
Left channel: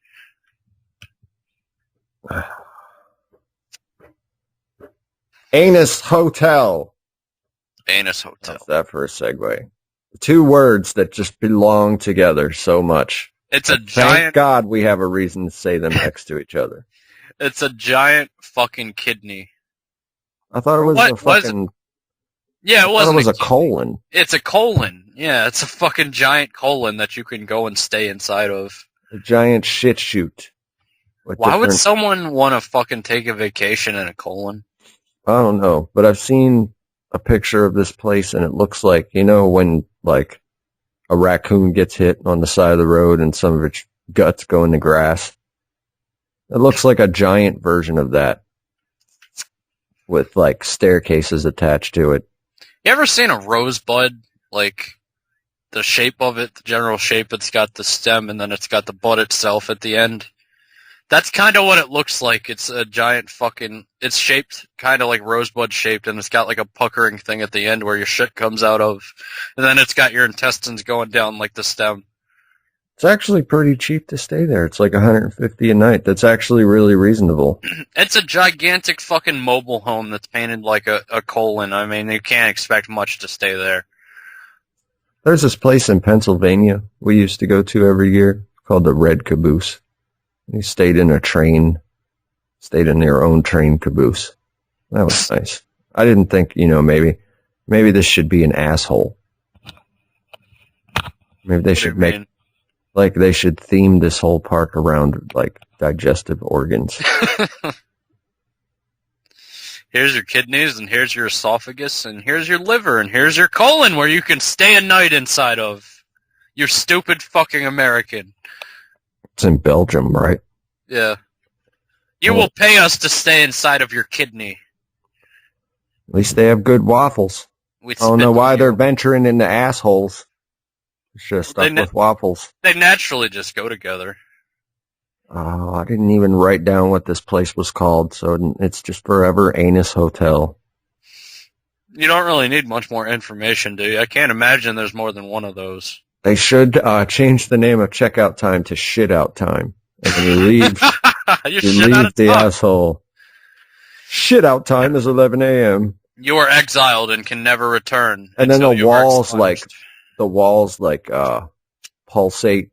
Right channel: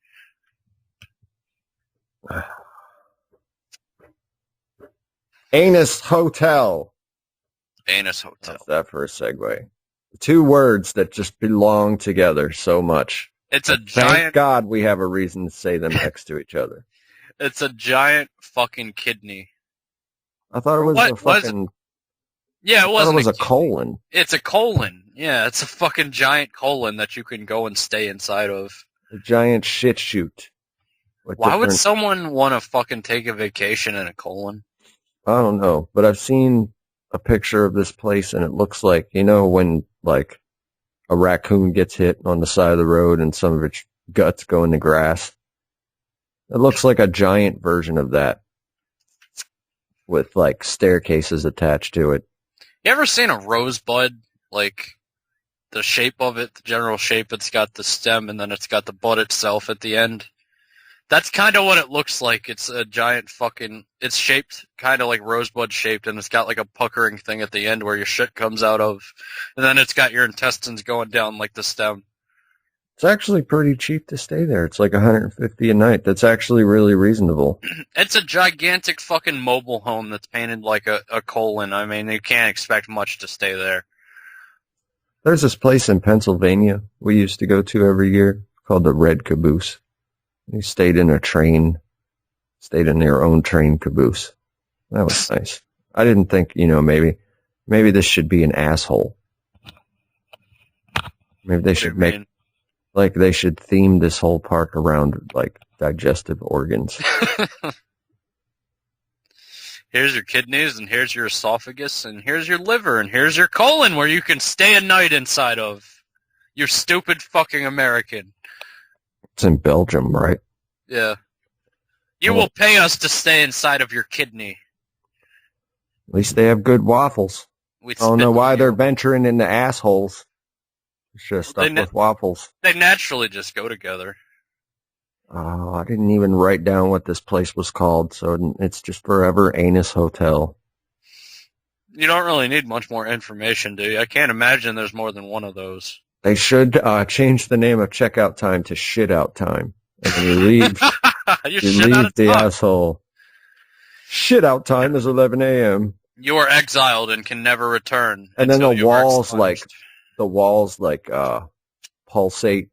Anus Hotel. Anus Hotel. How's that for a segue? Two words that just belong together so much. Thank God we have a reason to say them next to each other. It's a giant fucking kidney. I thought it was a fucking... Yeah, it wasn't. It was a colon. It's a colon. Yeah, it's a fucking giant colon that you can go and stay inside of. A giant shit chute. Why would someone want to fucking take a vacation in a colon? I don't know, but I've seen a picture of this place, and it looks like, you know, when, like, a raccoon gets hit on the side of the road and some of its guts go in the grass. It looks like a giant version of that with, like, staircases attached to it. You ever seen a rosebud? Like, the shape of it, the general shape, it's got the stem and then it's got the bud itself at the end. That's kind of what it looks like. It's a giant fucking... It's shaped kind of like rosebud shaped, and it's got like a puckering thing at the end where your shit comes out of. And then it's got your intestines going down like the stem. It's actually pretty cheap to stay there. It's like $150 a night. That's actually really reasonable. It's a gigantic fucking mobile home that's painted like a colon. I mean, you can't expect much to stay there. There's this place in Pennsylvania we used to go to every year called the Red Caboose. You stayed in your own train caboose. That was nice. I didn't think, maybe this should be an asshole. Maybe they should they should theme this whole park around, like, digestive organs. Here's your kidneys, and here's your esophagus, and here's your liver, and here's your colon where you can stay a night inside of. You stupid fucking American. It's in Belgium, right? Yeah. You will pay us to stay inside of your kidney. At least they have good waffles. I don't know why they're venturing into assholes. Should have stuck with waffles. They naturally just go together. Oh, I didn't even write down what this place was called, so it's just forever Anus Hotel. You don't really need much more information, do you? I can't imagine there's more than one of those. They should change the name of checkout time to shit out time. And when you leave, you leave the asshole. Shit out time is 11 a.m. You are exiled and can never return. And then the walls pulsate,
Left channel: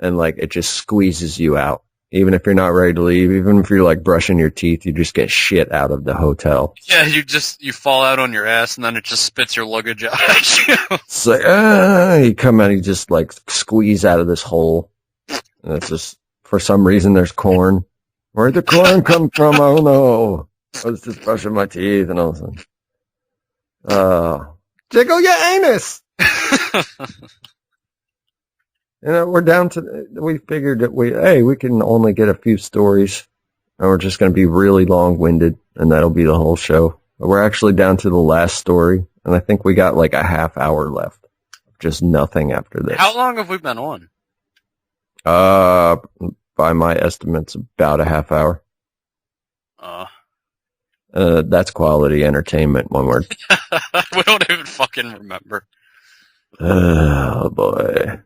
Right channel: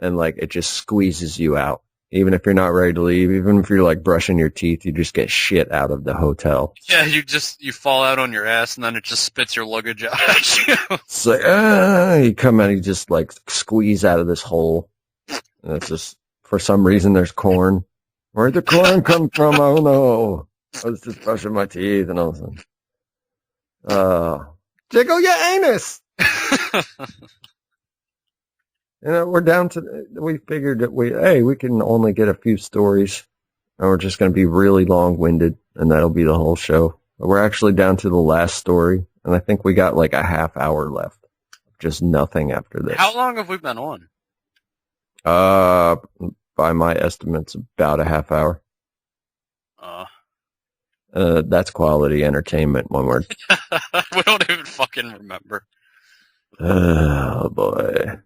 and like it just squeezes you out. Even if you're not ready to leave, even if you're like brushing your teeth, you just get shit out of the hotel. Yeah, you fall out on your ass, and then it just spits your luggage out at you. It's like, you come out, you just like squeeze out of this hole. And it's just, for some reason, there's corn. Where'd the corn come from? Oh no. I was just brushing my teeth, and all of a sudden, jiggle your anus! We're down to, we figured that we can only get a few stories, and we're just going to be really long-winded, and that'll be the whole show. But we're actually down to the last story, and I think we got like a half hour left. Just nothing after this. How long have we been on? By my estimates, about a half hour. That's quality entertainment, one word. We don't even fucking remember. Oh, boy.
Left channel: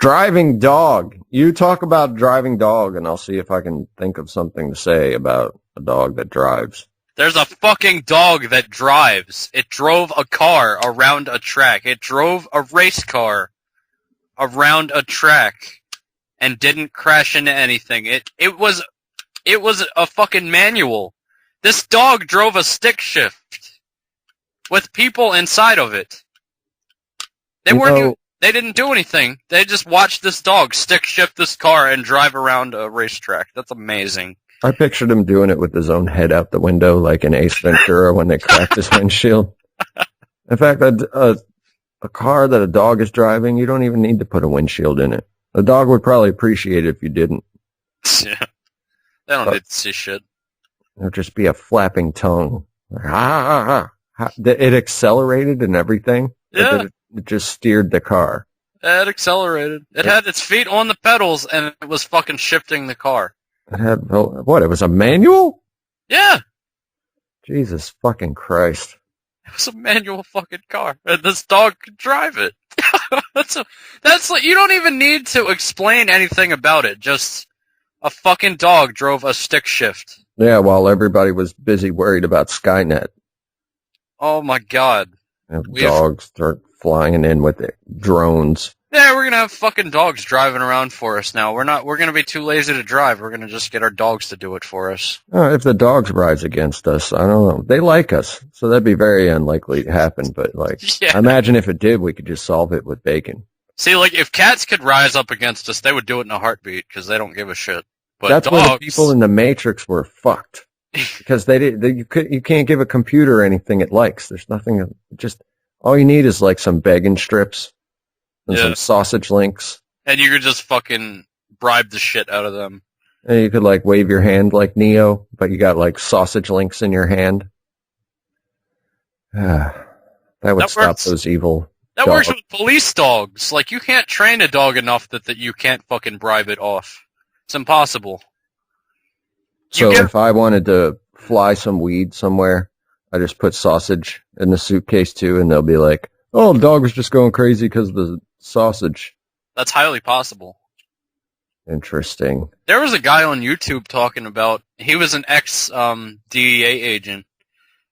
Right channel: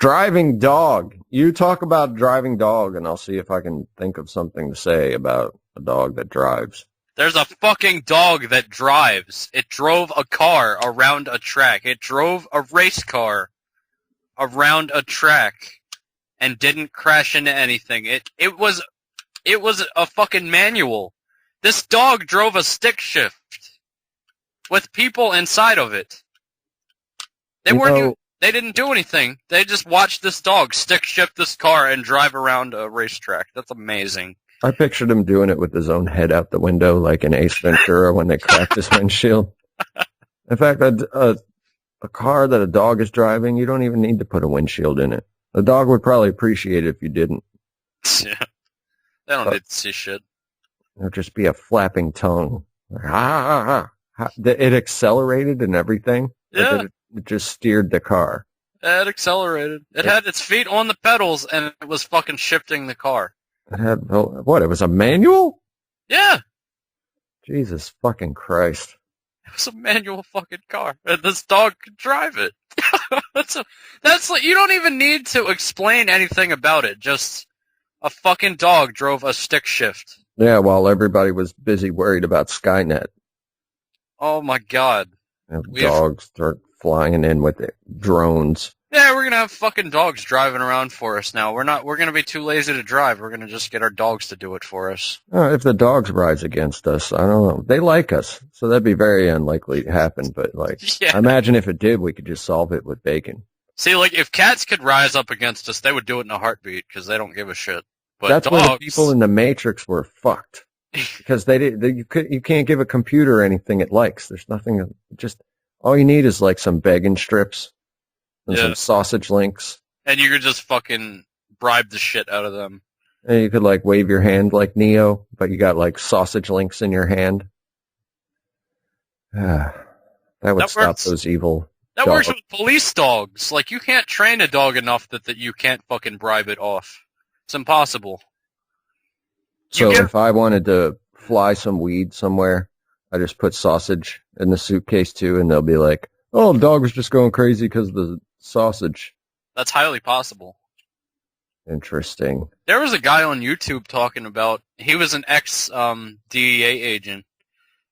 Driving dog. You talk about driving dog, and I'll see if I can think of something to say about a dog that drives. There's a fucking dog that drives. It drove a car around a track. It drove a race car around a track and didn't crash into anything. It was a fucking manual. This dog drove a stick shift with people inside of it. They didn't do anything. They just watched this dog stick shift this car and drive around a racetrack. That's amazing. I pictured him doing it with his own head out the window, like in Ace Ventura when they cracked his windshield. In fact, a car that a dog is driving, you don't even need to put a windshield in it. The dog would probably appreciate it if you didn't. Yeah. They don't need to see shit. It would just be a flapping tongue. It accelerated and everything. Yeah. It just steered the car. It accelerated. It had its feet on the pedals, and it was fucking shifting the car. It had, what, it was a manual? Yeah. Jesus fucking Christ. It was a manual fucking car, and this dog could drive it. That's like, you don't even need to explain anything about it. Just a fucking dog drove a stick shift. Yeah, while everybody was busy worried about Skynet. Oh my god. Dogs start flying in with it. Drones. Yeah, we're gonna have fucking dogs driving around for us now. We're gonna be too lazy to drive. We're gonna just get our dogs to do it for us. If the dogs rise against us, I don't know. They like us, so that'd be very unlikely to happen, but like, yeah. Imagine if it did, we could just solve it with bacon. See, like, if cats could rise up against us, they would do it in a heartbeat, because they don't give a shit. But that's dogs... why the people in the Matrix were fucked. Because you can't give a computer anything it likes. There's nothing, just, all you need is like some bacon strips and some sausage links. And you could just fucking bribe the shit out of them. And you could like wave your hand like Neo, but you got like sausage links in your hand. That would stop those evil That works with police dogs. Like, you can't train a dog enough that you can't fucking bribe it off. It's impossible. So if I wanted to fly some weed somewhere, I just put sausage in the suitcase too, and they'll be like, oh, the dog was just going crazy because of the sausage. That's highly possible. Interesting. There was a guy on YouTube talking about, he was an ex-DEA agent,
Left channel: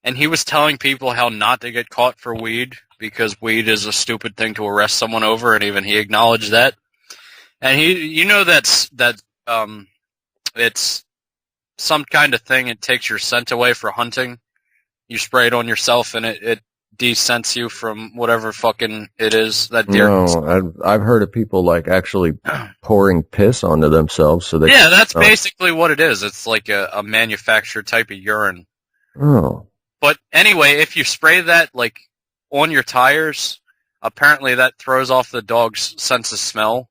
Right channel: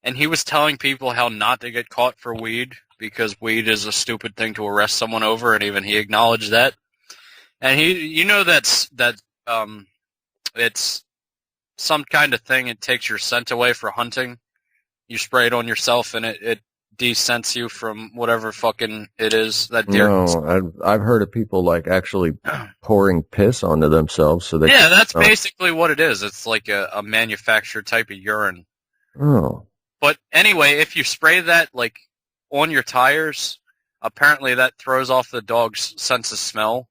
and he was telling people how not to get caught for weed, because weed is a stupid thing to arrest someone over, and even he acknowledged that. And he, you know, that It's some kind of thing. It takes your scent away for hunting. You spray it on yourself, and it de-scents you from whatever fucking it is that deer. No, I've heard of people like actually pouring piss onto themselves so they. Yeah, that's basically what it is. It's like a manufactured type of urine. Oh. But anyway, if you spray that like on your tires, apparently that throws off the dog's sense of smell,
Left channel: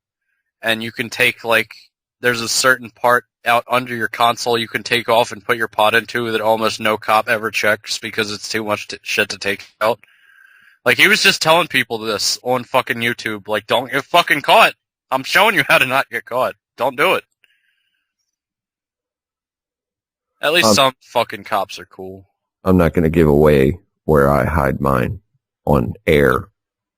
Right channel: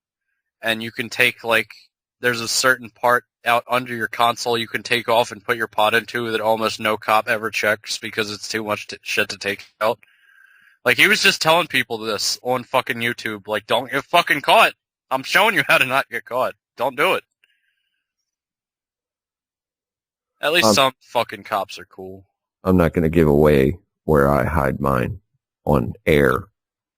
and you can take like there's a certain part out under your console you can take off and put your pot into that almost no cop ever checks because it's too much shit to take out. Like, he was just telling people this on fucking YouTube, like, don't get fucking caught. I'm showing you how to not get caught. Don't do it. At least some fucking cops are cool. I'm not going to give away where I hide mine on air,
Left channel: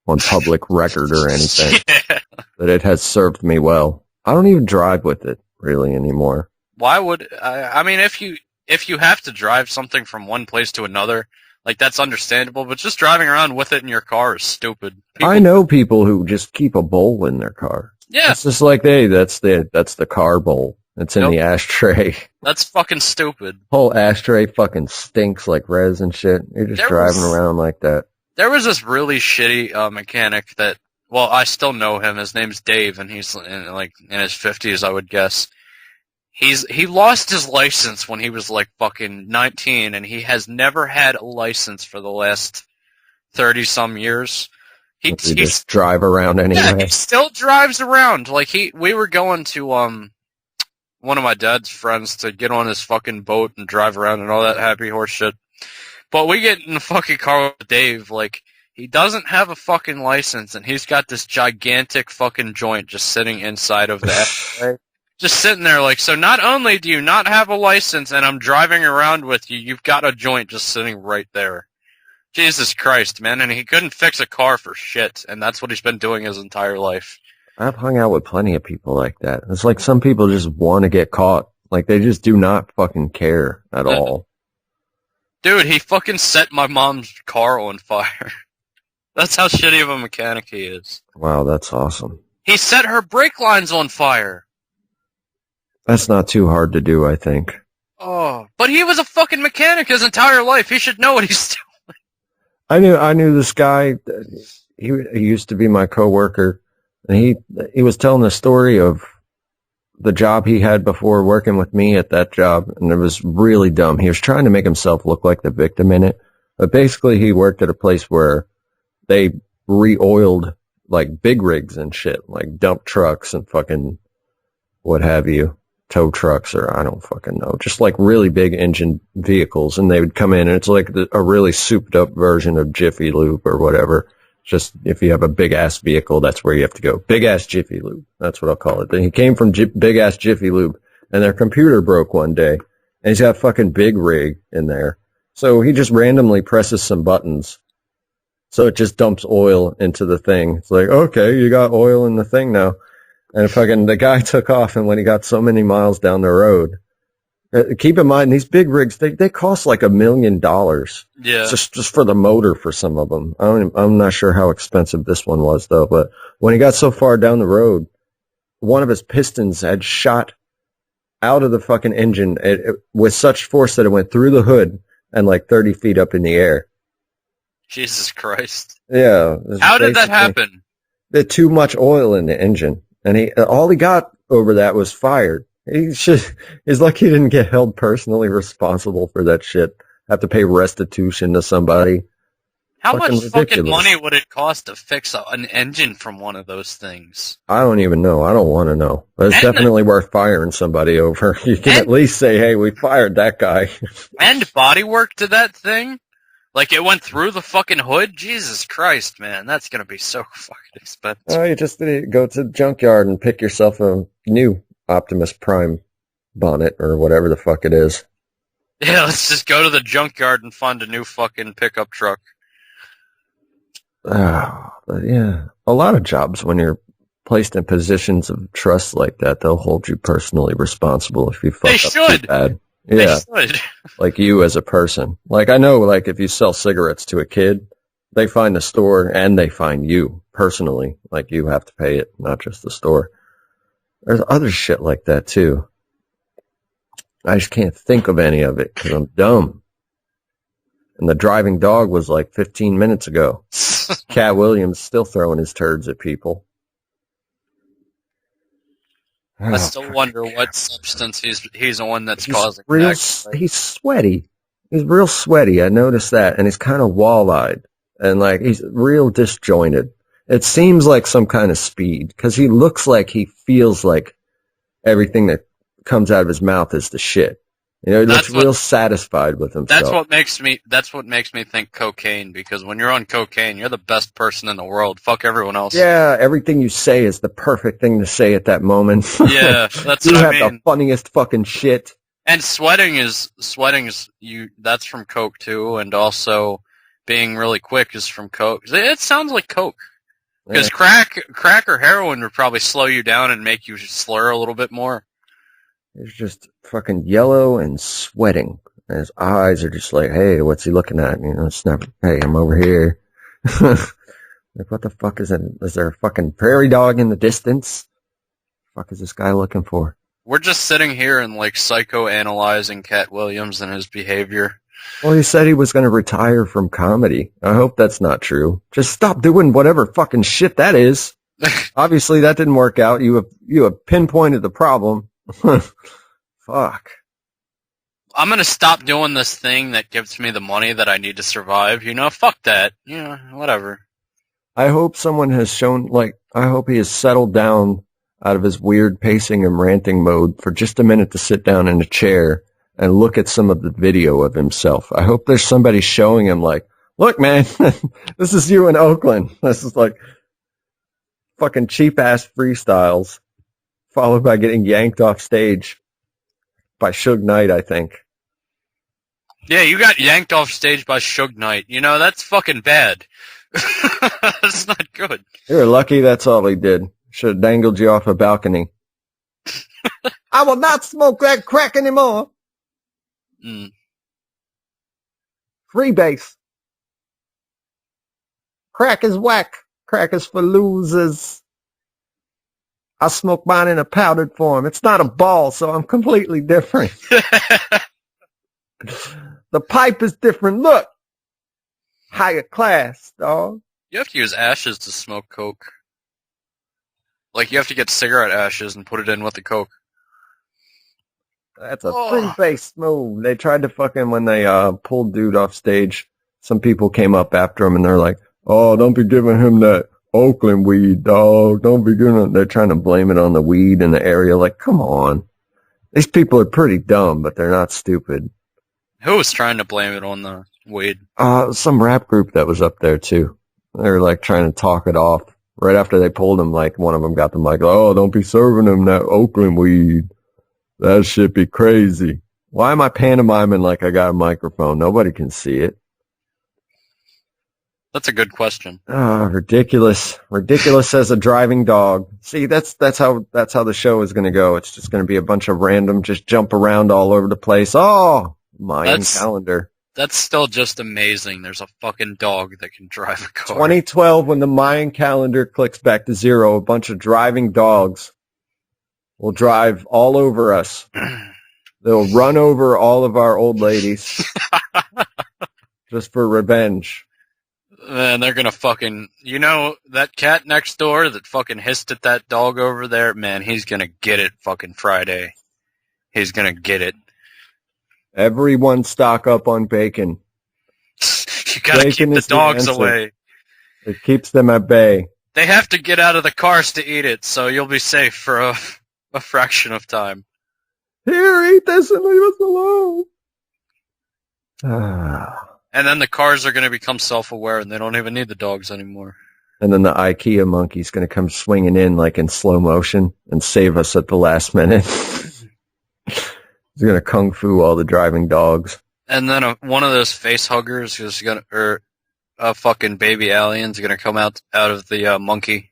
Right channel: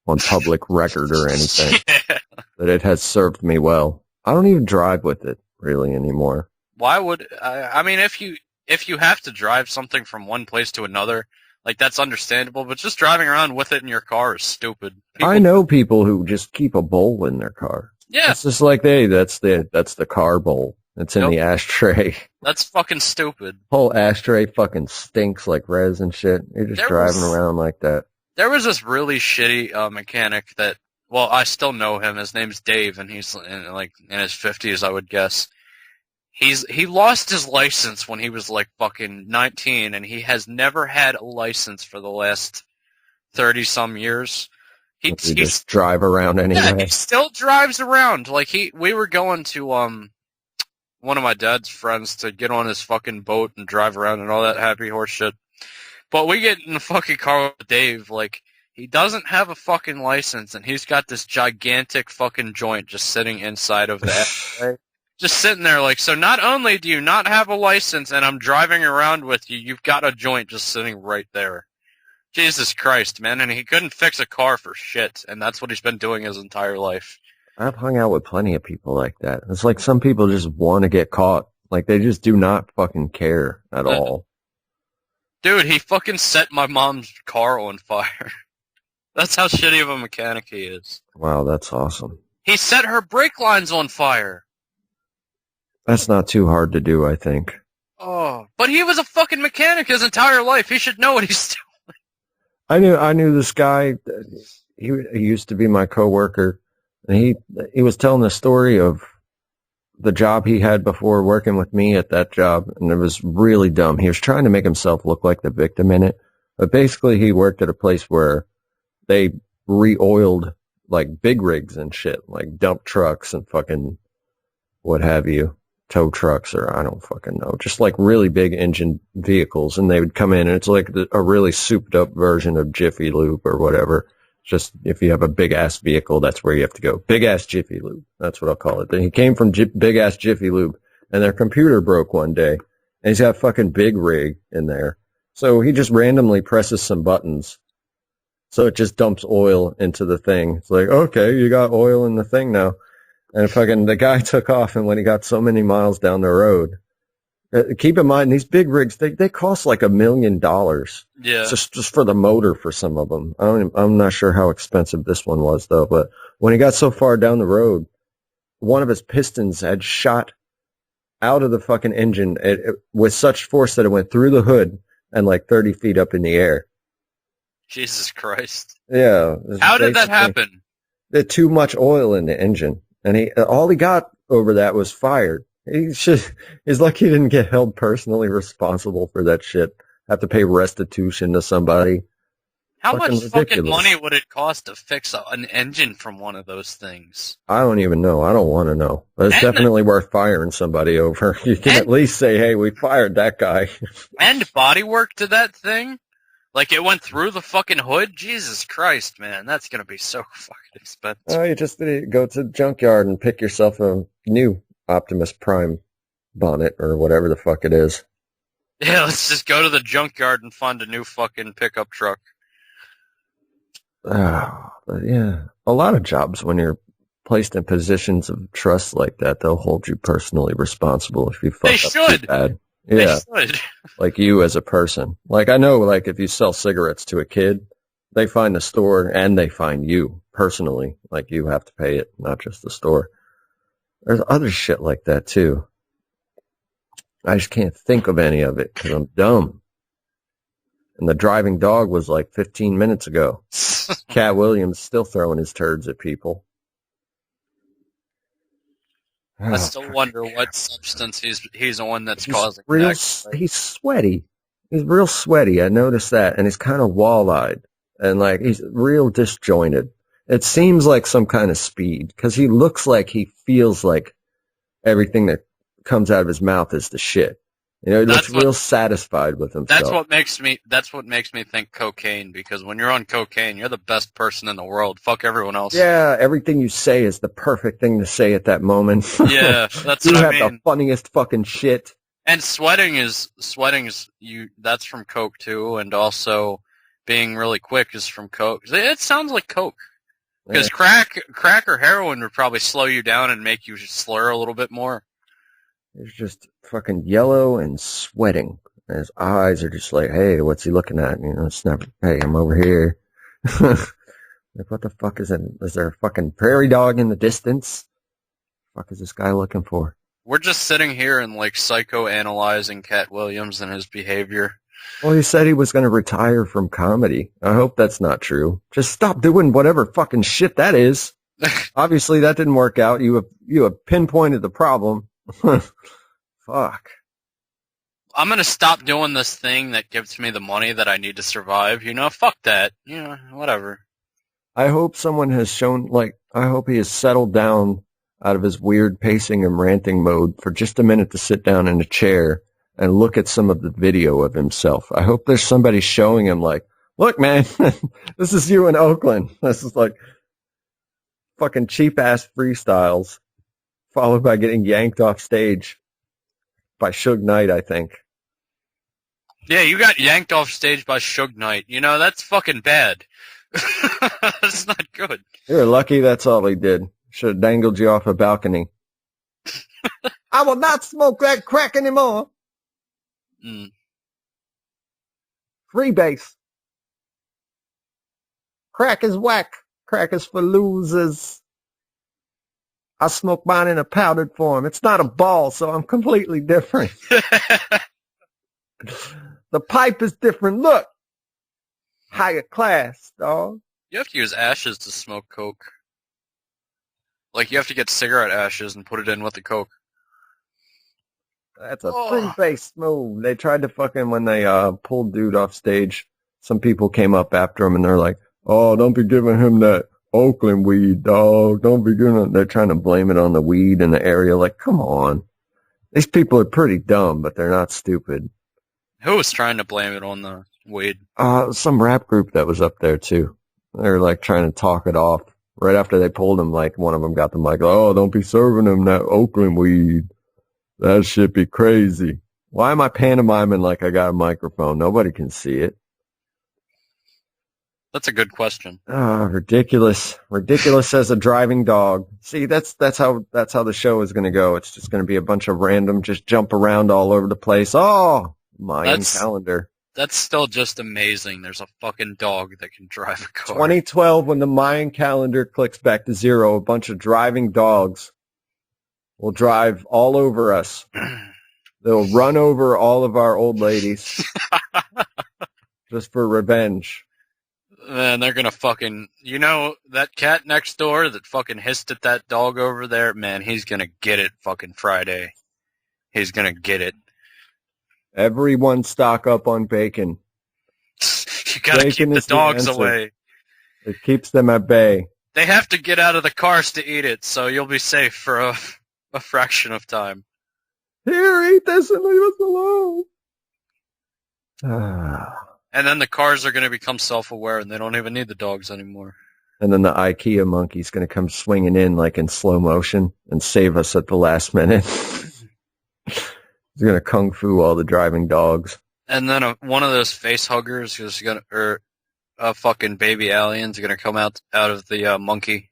on public record or anything. Yeah. But it has served me well. I don't even drive with it really anymore. Why would I mean, if you have to drive something from one place to another, like, that's understandable, but just driving around with it in your car is stupid. I know people who just keep a bowl in their car. Yeah. It's just like, hey, that's the car bowl. It's in the ashtray. That's fucking stupid. Whole ashtray fucking stinks like res and shit. You're just driving around like that. There was this really shitty mechanic that, well, I still know him. His name's Dave, and he's in his 50s, I would guess. He lost his license when he was like fucking 19, and he has never had a license for the last 30-some years. He just drive around anyway. Yeah, he still drives around. Like, we were going to one of my dad's friends to get on his fucking boat and drive around and all that happy horse shit. But we get in the fucking car with Dave, like, he doesn't have a fucking license, and he's got this gigantic fucking joint just sitting inside of that. Just sitting there, like, so not only do you not have a license and I'm driving around with you, you've got a joint just sitting right there. Jesus Christ, man, and he couldn't fix a car for shit, and that's what he's been doing his entire life. I've hung out with plenty of people like that. It's like some people just want to get caught. Like, they just do not fucking care at all. Dude, he fucking set my mom's car on fire. That's how shitty of a mechanic he is. Wow, that's awesome. He set her brake lines on fire. That's not too hard to do, I think. Oh, but he was a fucking mechanic his entire life. He should know what he's doing. I knew this guy. He used to be my coworker, and he was telling the story of the job he had before working with me at that job, and it was really dumb. He was trying to make himself look like the victim in it, but basically he worked at a place where they re-oiled like big rigs and shit, like dump trucks and fucking what have you. Tow trucks, or I don't fucking know, just like really big engine vehicles, and they would come in, and it's like a really souped up version of Jiffy Lube or whatever. Just if you have a big ass vehicle, that's where you have to go. Big ass Jiffy Lube, that's what I'll call it. Then he came from big ass Jiffy Lube, and their computer broke one day, and he's got a fucking big rig in there, so he just randomly presses some buttons, so it just dumps oil into the thing. It's like, okay, you got oil in the thing now. And fucking the guy took off, and when he got so many miles down the road, keep in mind, these big rigs, they cost like $1 million. Yeah. Just for the motor for some of them. I'm not sure how expensive this one was, though, but when he got so far down the road, one of his pistons had shot out of the fucking engine with such force that it went through the hood and like 30 feet up in the air. Jesus Christ. Yeah. How did that happen? There's too much oil in the engine. And all he got over that was fired. It's like he didn't get held personally responsible for that shit. Have to pay restitution to somebody. How much fucking money would it cost to fix an engine from one of those things? I don't even know. I don't want to know. But it's definitely worth firing somebody over. You can at least say, hey, we fired that guy. And bodywork to that thing? Like, it went through the fucking hood? Jesus Christ, man. That's going to be so fucking expensive. Oh, you just go to the junkyard and pick yourself a new Optimus Prime bonnet or whatever the fuck it is. Yeah, let's just go to the junkyard and find a new fucking pickup truck. Oh, but yeah. A lot of jobs, when you're placed in positions of trust like that, they'll hold you personally responsible if you fuck up too bad. Yeah, they should. Like you as a person. Like I know, like if you sell cigarettes to a kid, they find the store and they find you personally. Like you have to pay it, not just the store. There's other shit like that too. I just can't think of any of it because I'm dumb. And the driving dog was like 15 minutes ago. Katt Williams still throwing his turds at people. I still wonder what substance he's on that's causing that. He's sweaty. He's real sweaty. I noticed that. And he's kind of wall-eyed. And like he's real disjointed. It seems like some kind of speed because he looks like he feels like everything that comes out of his mouth is the shit. You know, he looks real satisfied with himself. That's what makes me think cocaine, because when you're on cocaine, you're the best person in the world. Fuck everyone else. Yeah, everything you say is the perfect thing to say at that moment. Yeah, that's what I mean. You have the funniest fucking shit. And sweating is that's from coke too, and also being really quick is from coke. It sounds like coke. Because crack or heroin would probably slow you down and make you slur a little bit more. He's just fucking yellow and sweating. And his eyes are just like, hey, what's he looking at? You know, it's not, hey, I'm over here. Like, what the fuck is it? Is there a fucking prairie dog in the distance? What the fuck is this guy looking for? We're just sitting here and, like, psychoanalyzing Katt Williams and his behavior. Well, he said he was going to retire from comedy. I hope that's not true. Just stop doing whatever fucking shit that is. Obviously, that didn't work out. You have pinpointed the problem. Fuck. I'm going to stop doing this thing that gives me the money that I need to survive. You know, fuck that. You know, whatever. I hope someone has shown, like, I hope he has settled down out of his weird pacing and ranting mode for just a minute to sit down in a chair and look at some of the video of himself. I hope there's somebody showing him, like, look, man, this is you in Oakland. This is like fucking cheap-ass freestyles, followed by getting yanked off stage by Suge Knight, I think. Yeah, you got yanked off stage by Suge Knight. You know, that's fucking bad. That's not good. You were lucky that's all he did. Should have dangled you off a balcony. I will not smoke that crack anymore. Free base. Crack is whack. Crack is for losers. I smoke mine in a powdered form. It's not a ball, so I'm completely different. The pipe is different. Look. Higher class, dog. You have to use ashes to smoke coke. Like, you have to get cigarette ashes and put it in with the coke. That's a free-based move. They tried to fucking, when they pulled dude off stage, some people came up after him and they're like, oh, don't be giving him that Oakland weed, dog. Don't be doing it. They're trying to blame it on the weed in the area. Like, come on. These people are pretty dumb, but they're not stupid. Who was trying to blame it on the weed? Some rap group that was up there, too. They were, like, trying to talk it off. Right after they pulled him, like, one of them got the mic. Oh, don't be serving him that Oakland weed. That shit be crazy. Why am I pantomiming like I got a microphone? Nobody can see it. That's a good question. Ridiculous. Ridiculous as a driving dog. See, that's how the show is going to go. It's just going to be a bunch of random, just jump around all over the place. Oh, Mayan calendar. That's still just amazing. There's a fucking dog that can drive a car. 2012, when the Mayan calendar clicks back to zero, a bunch of driving dogs will drive all over us. They'll run over all of our old ladies just for revenge. Man, they're gonna fucking... You know, that cat next door that fucking hissed at that dog over there? Man, he's gonna get it fucking Friday. He's gonna get it. Everyone stock up on bacon. You gotta keep the dogs away. It keeps them at bay. They have to get out of the cars to eat it, so you'll be safe for a fraction of time. Here, eat this and leave us alone. And then the cars are going to become self-aware, and they don't even need the dogs anymore. And then the Ikea Monkey's going to come swinging in like in slow motion and save us at the last minute. He's going to kung fu all the driving dogs. And then one of those face huggers is going to, or a fucking baby alien's going to come out of the monkey.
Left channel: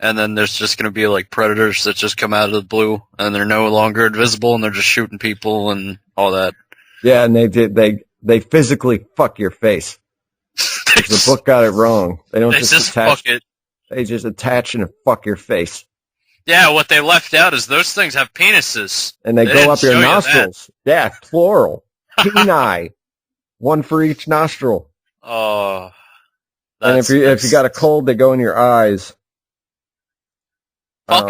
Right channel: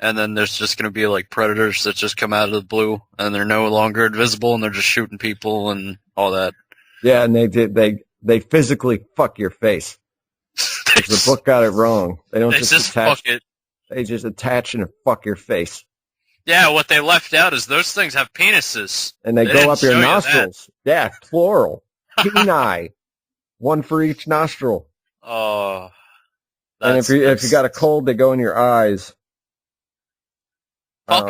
And then there's just going to be like predators that just come out of the blue, and they're no longer invisible, and they're just shooting people and all that. Yeah, and they physically fuck your face. The book got it wrong. They don't just attach it. They just attach and fuck your face. Yeah, what they left out is those things have penises. And they go up your nostrils. Yeah, plural. Peni. One for each nostril. Oh. And if you got a cold, they go in your eyes. I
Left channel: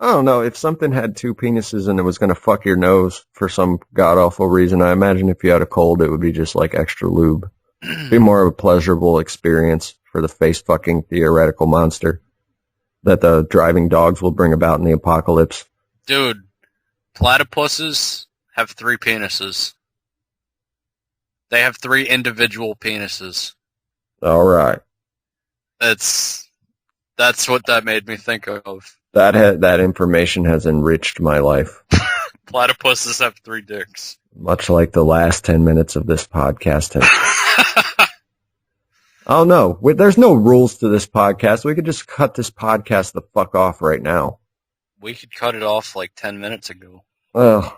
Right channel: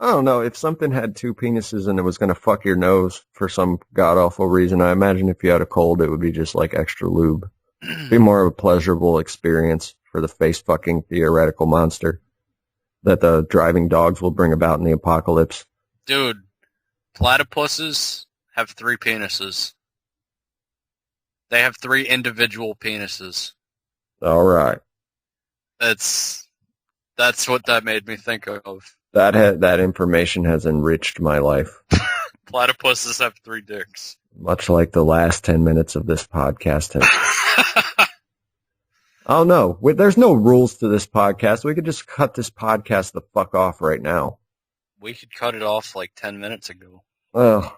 don't know. If something had two penises and it was going to fuck your nose for some god-awful reason, I imagine if you had a cold, it would be just like extra lube. Be more of a pleasurable experience for the face-fucking theoretical monster that the driving dogs will bring about in the apocalypse. Dude, platypuses have 3 penises. They have 3 individual penises. All right. That's what that made me think of. That information has enriched my life. Platypuses have 3 dicks. Much like the last 10 minutes of this podcast has. Oh, no. There's no rules to this podcast. We could just cut this podcast the fuck off right now. We could cut it off like 10 minutes ago. Well,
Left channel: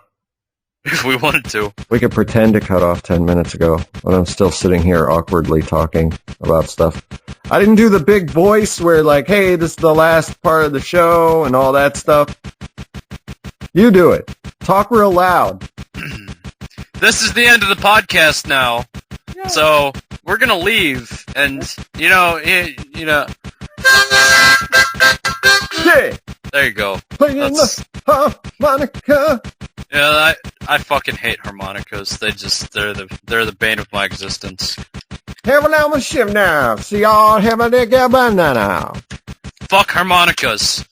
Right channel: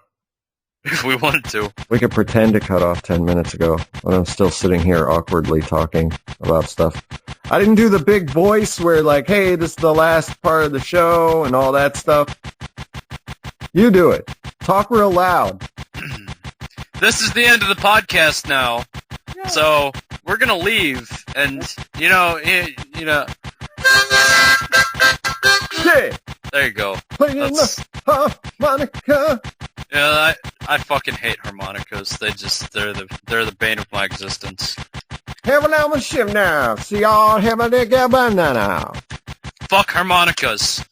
if we wanted to. We could pretend to cut off 10 minutes ago when I'm still sitting here awkwardly talking about stuff. I didn't do the big voice where like, hey, this is the last part of the show and all that stuff. You do it. Talk real loud. This is the end of the podcast now. Yeah. So we're going to leave and, you know. Yeah. There you go. Playing the harmonica. Yeah, I fucking hate harmonicas. They're the bane of my existence. Have a little ship now. See y'all have a nigga banana. Fuck harmonicas.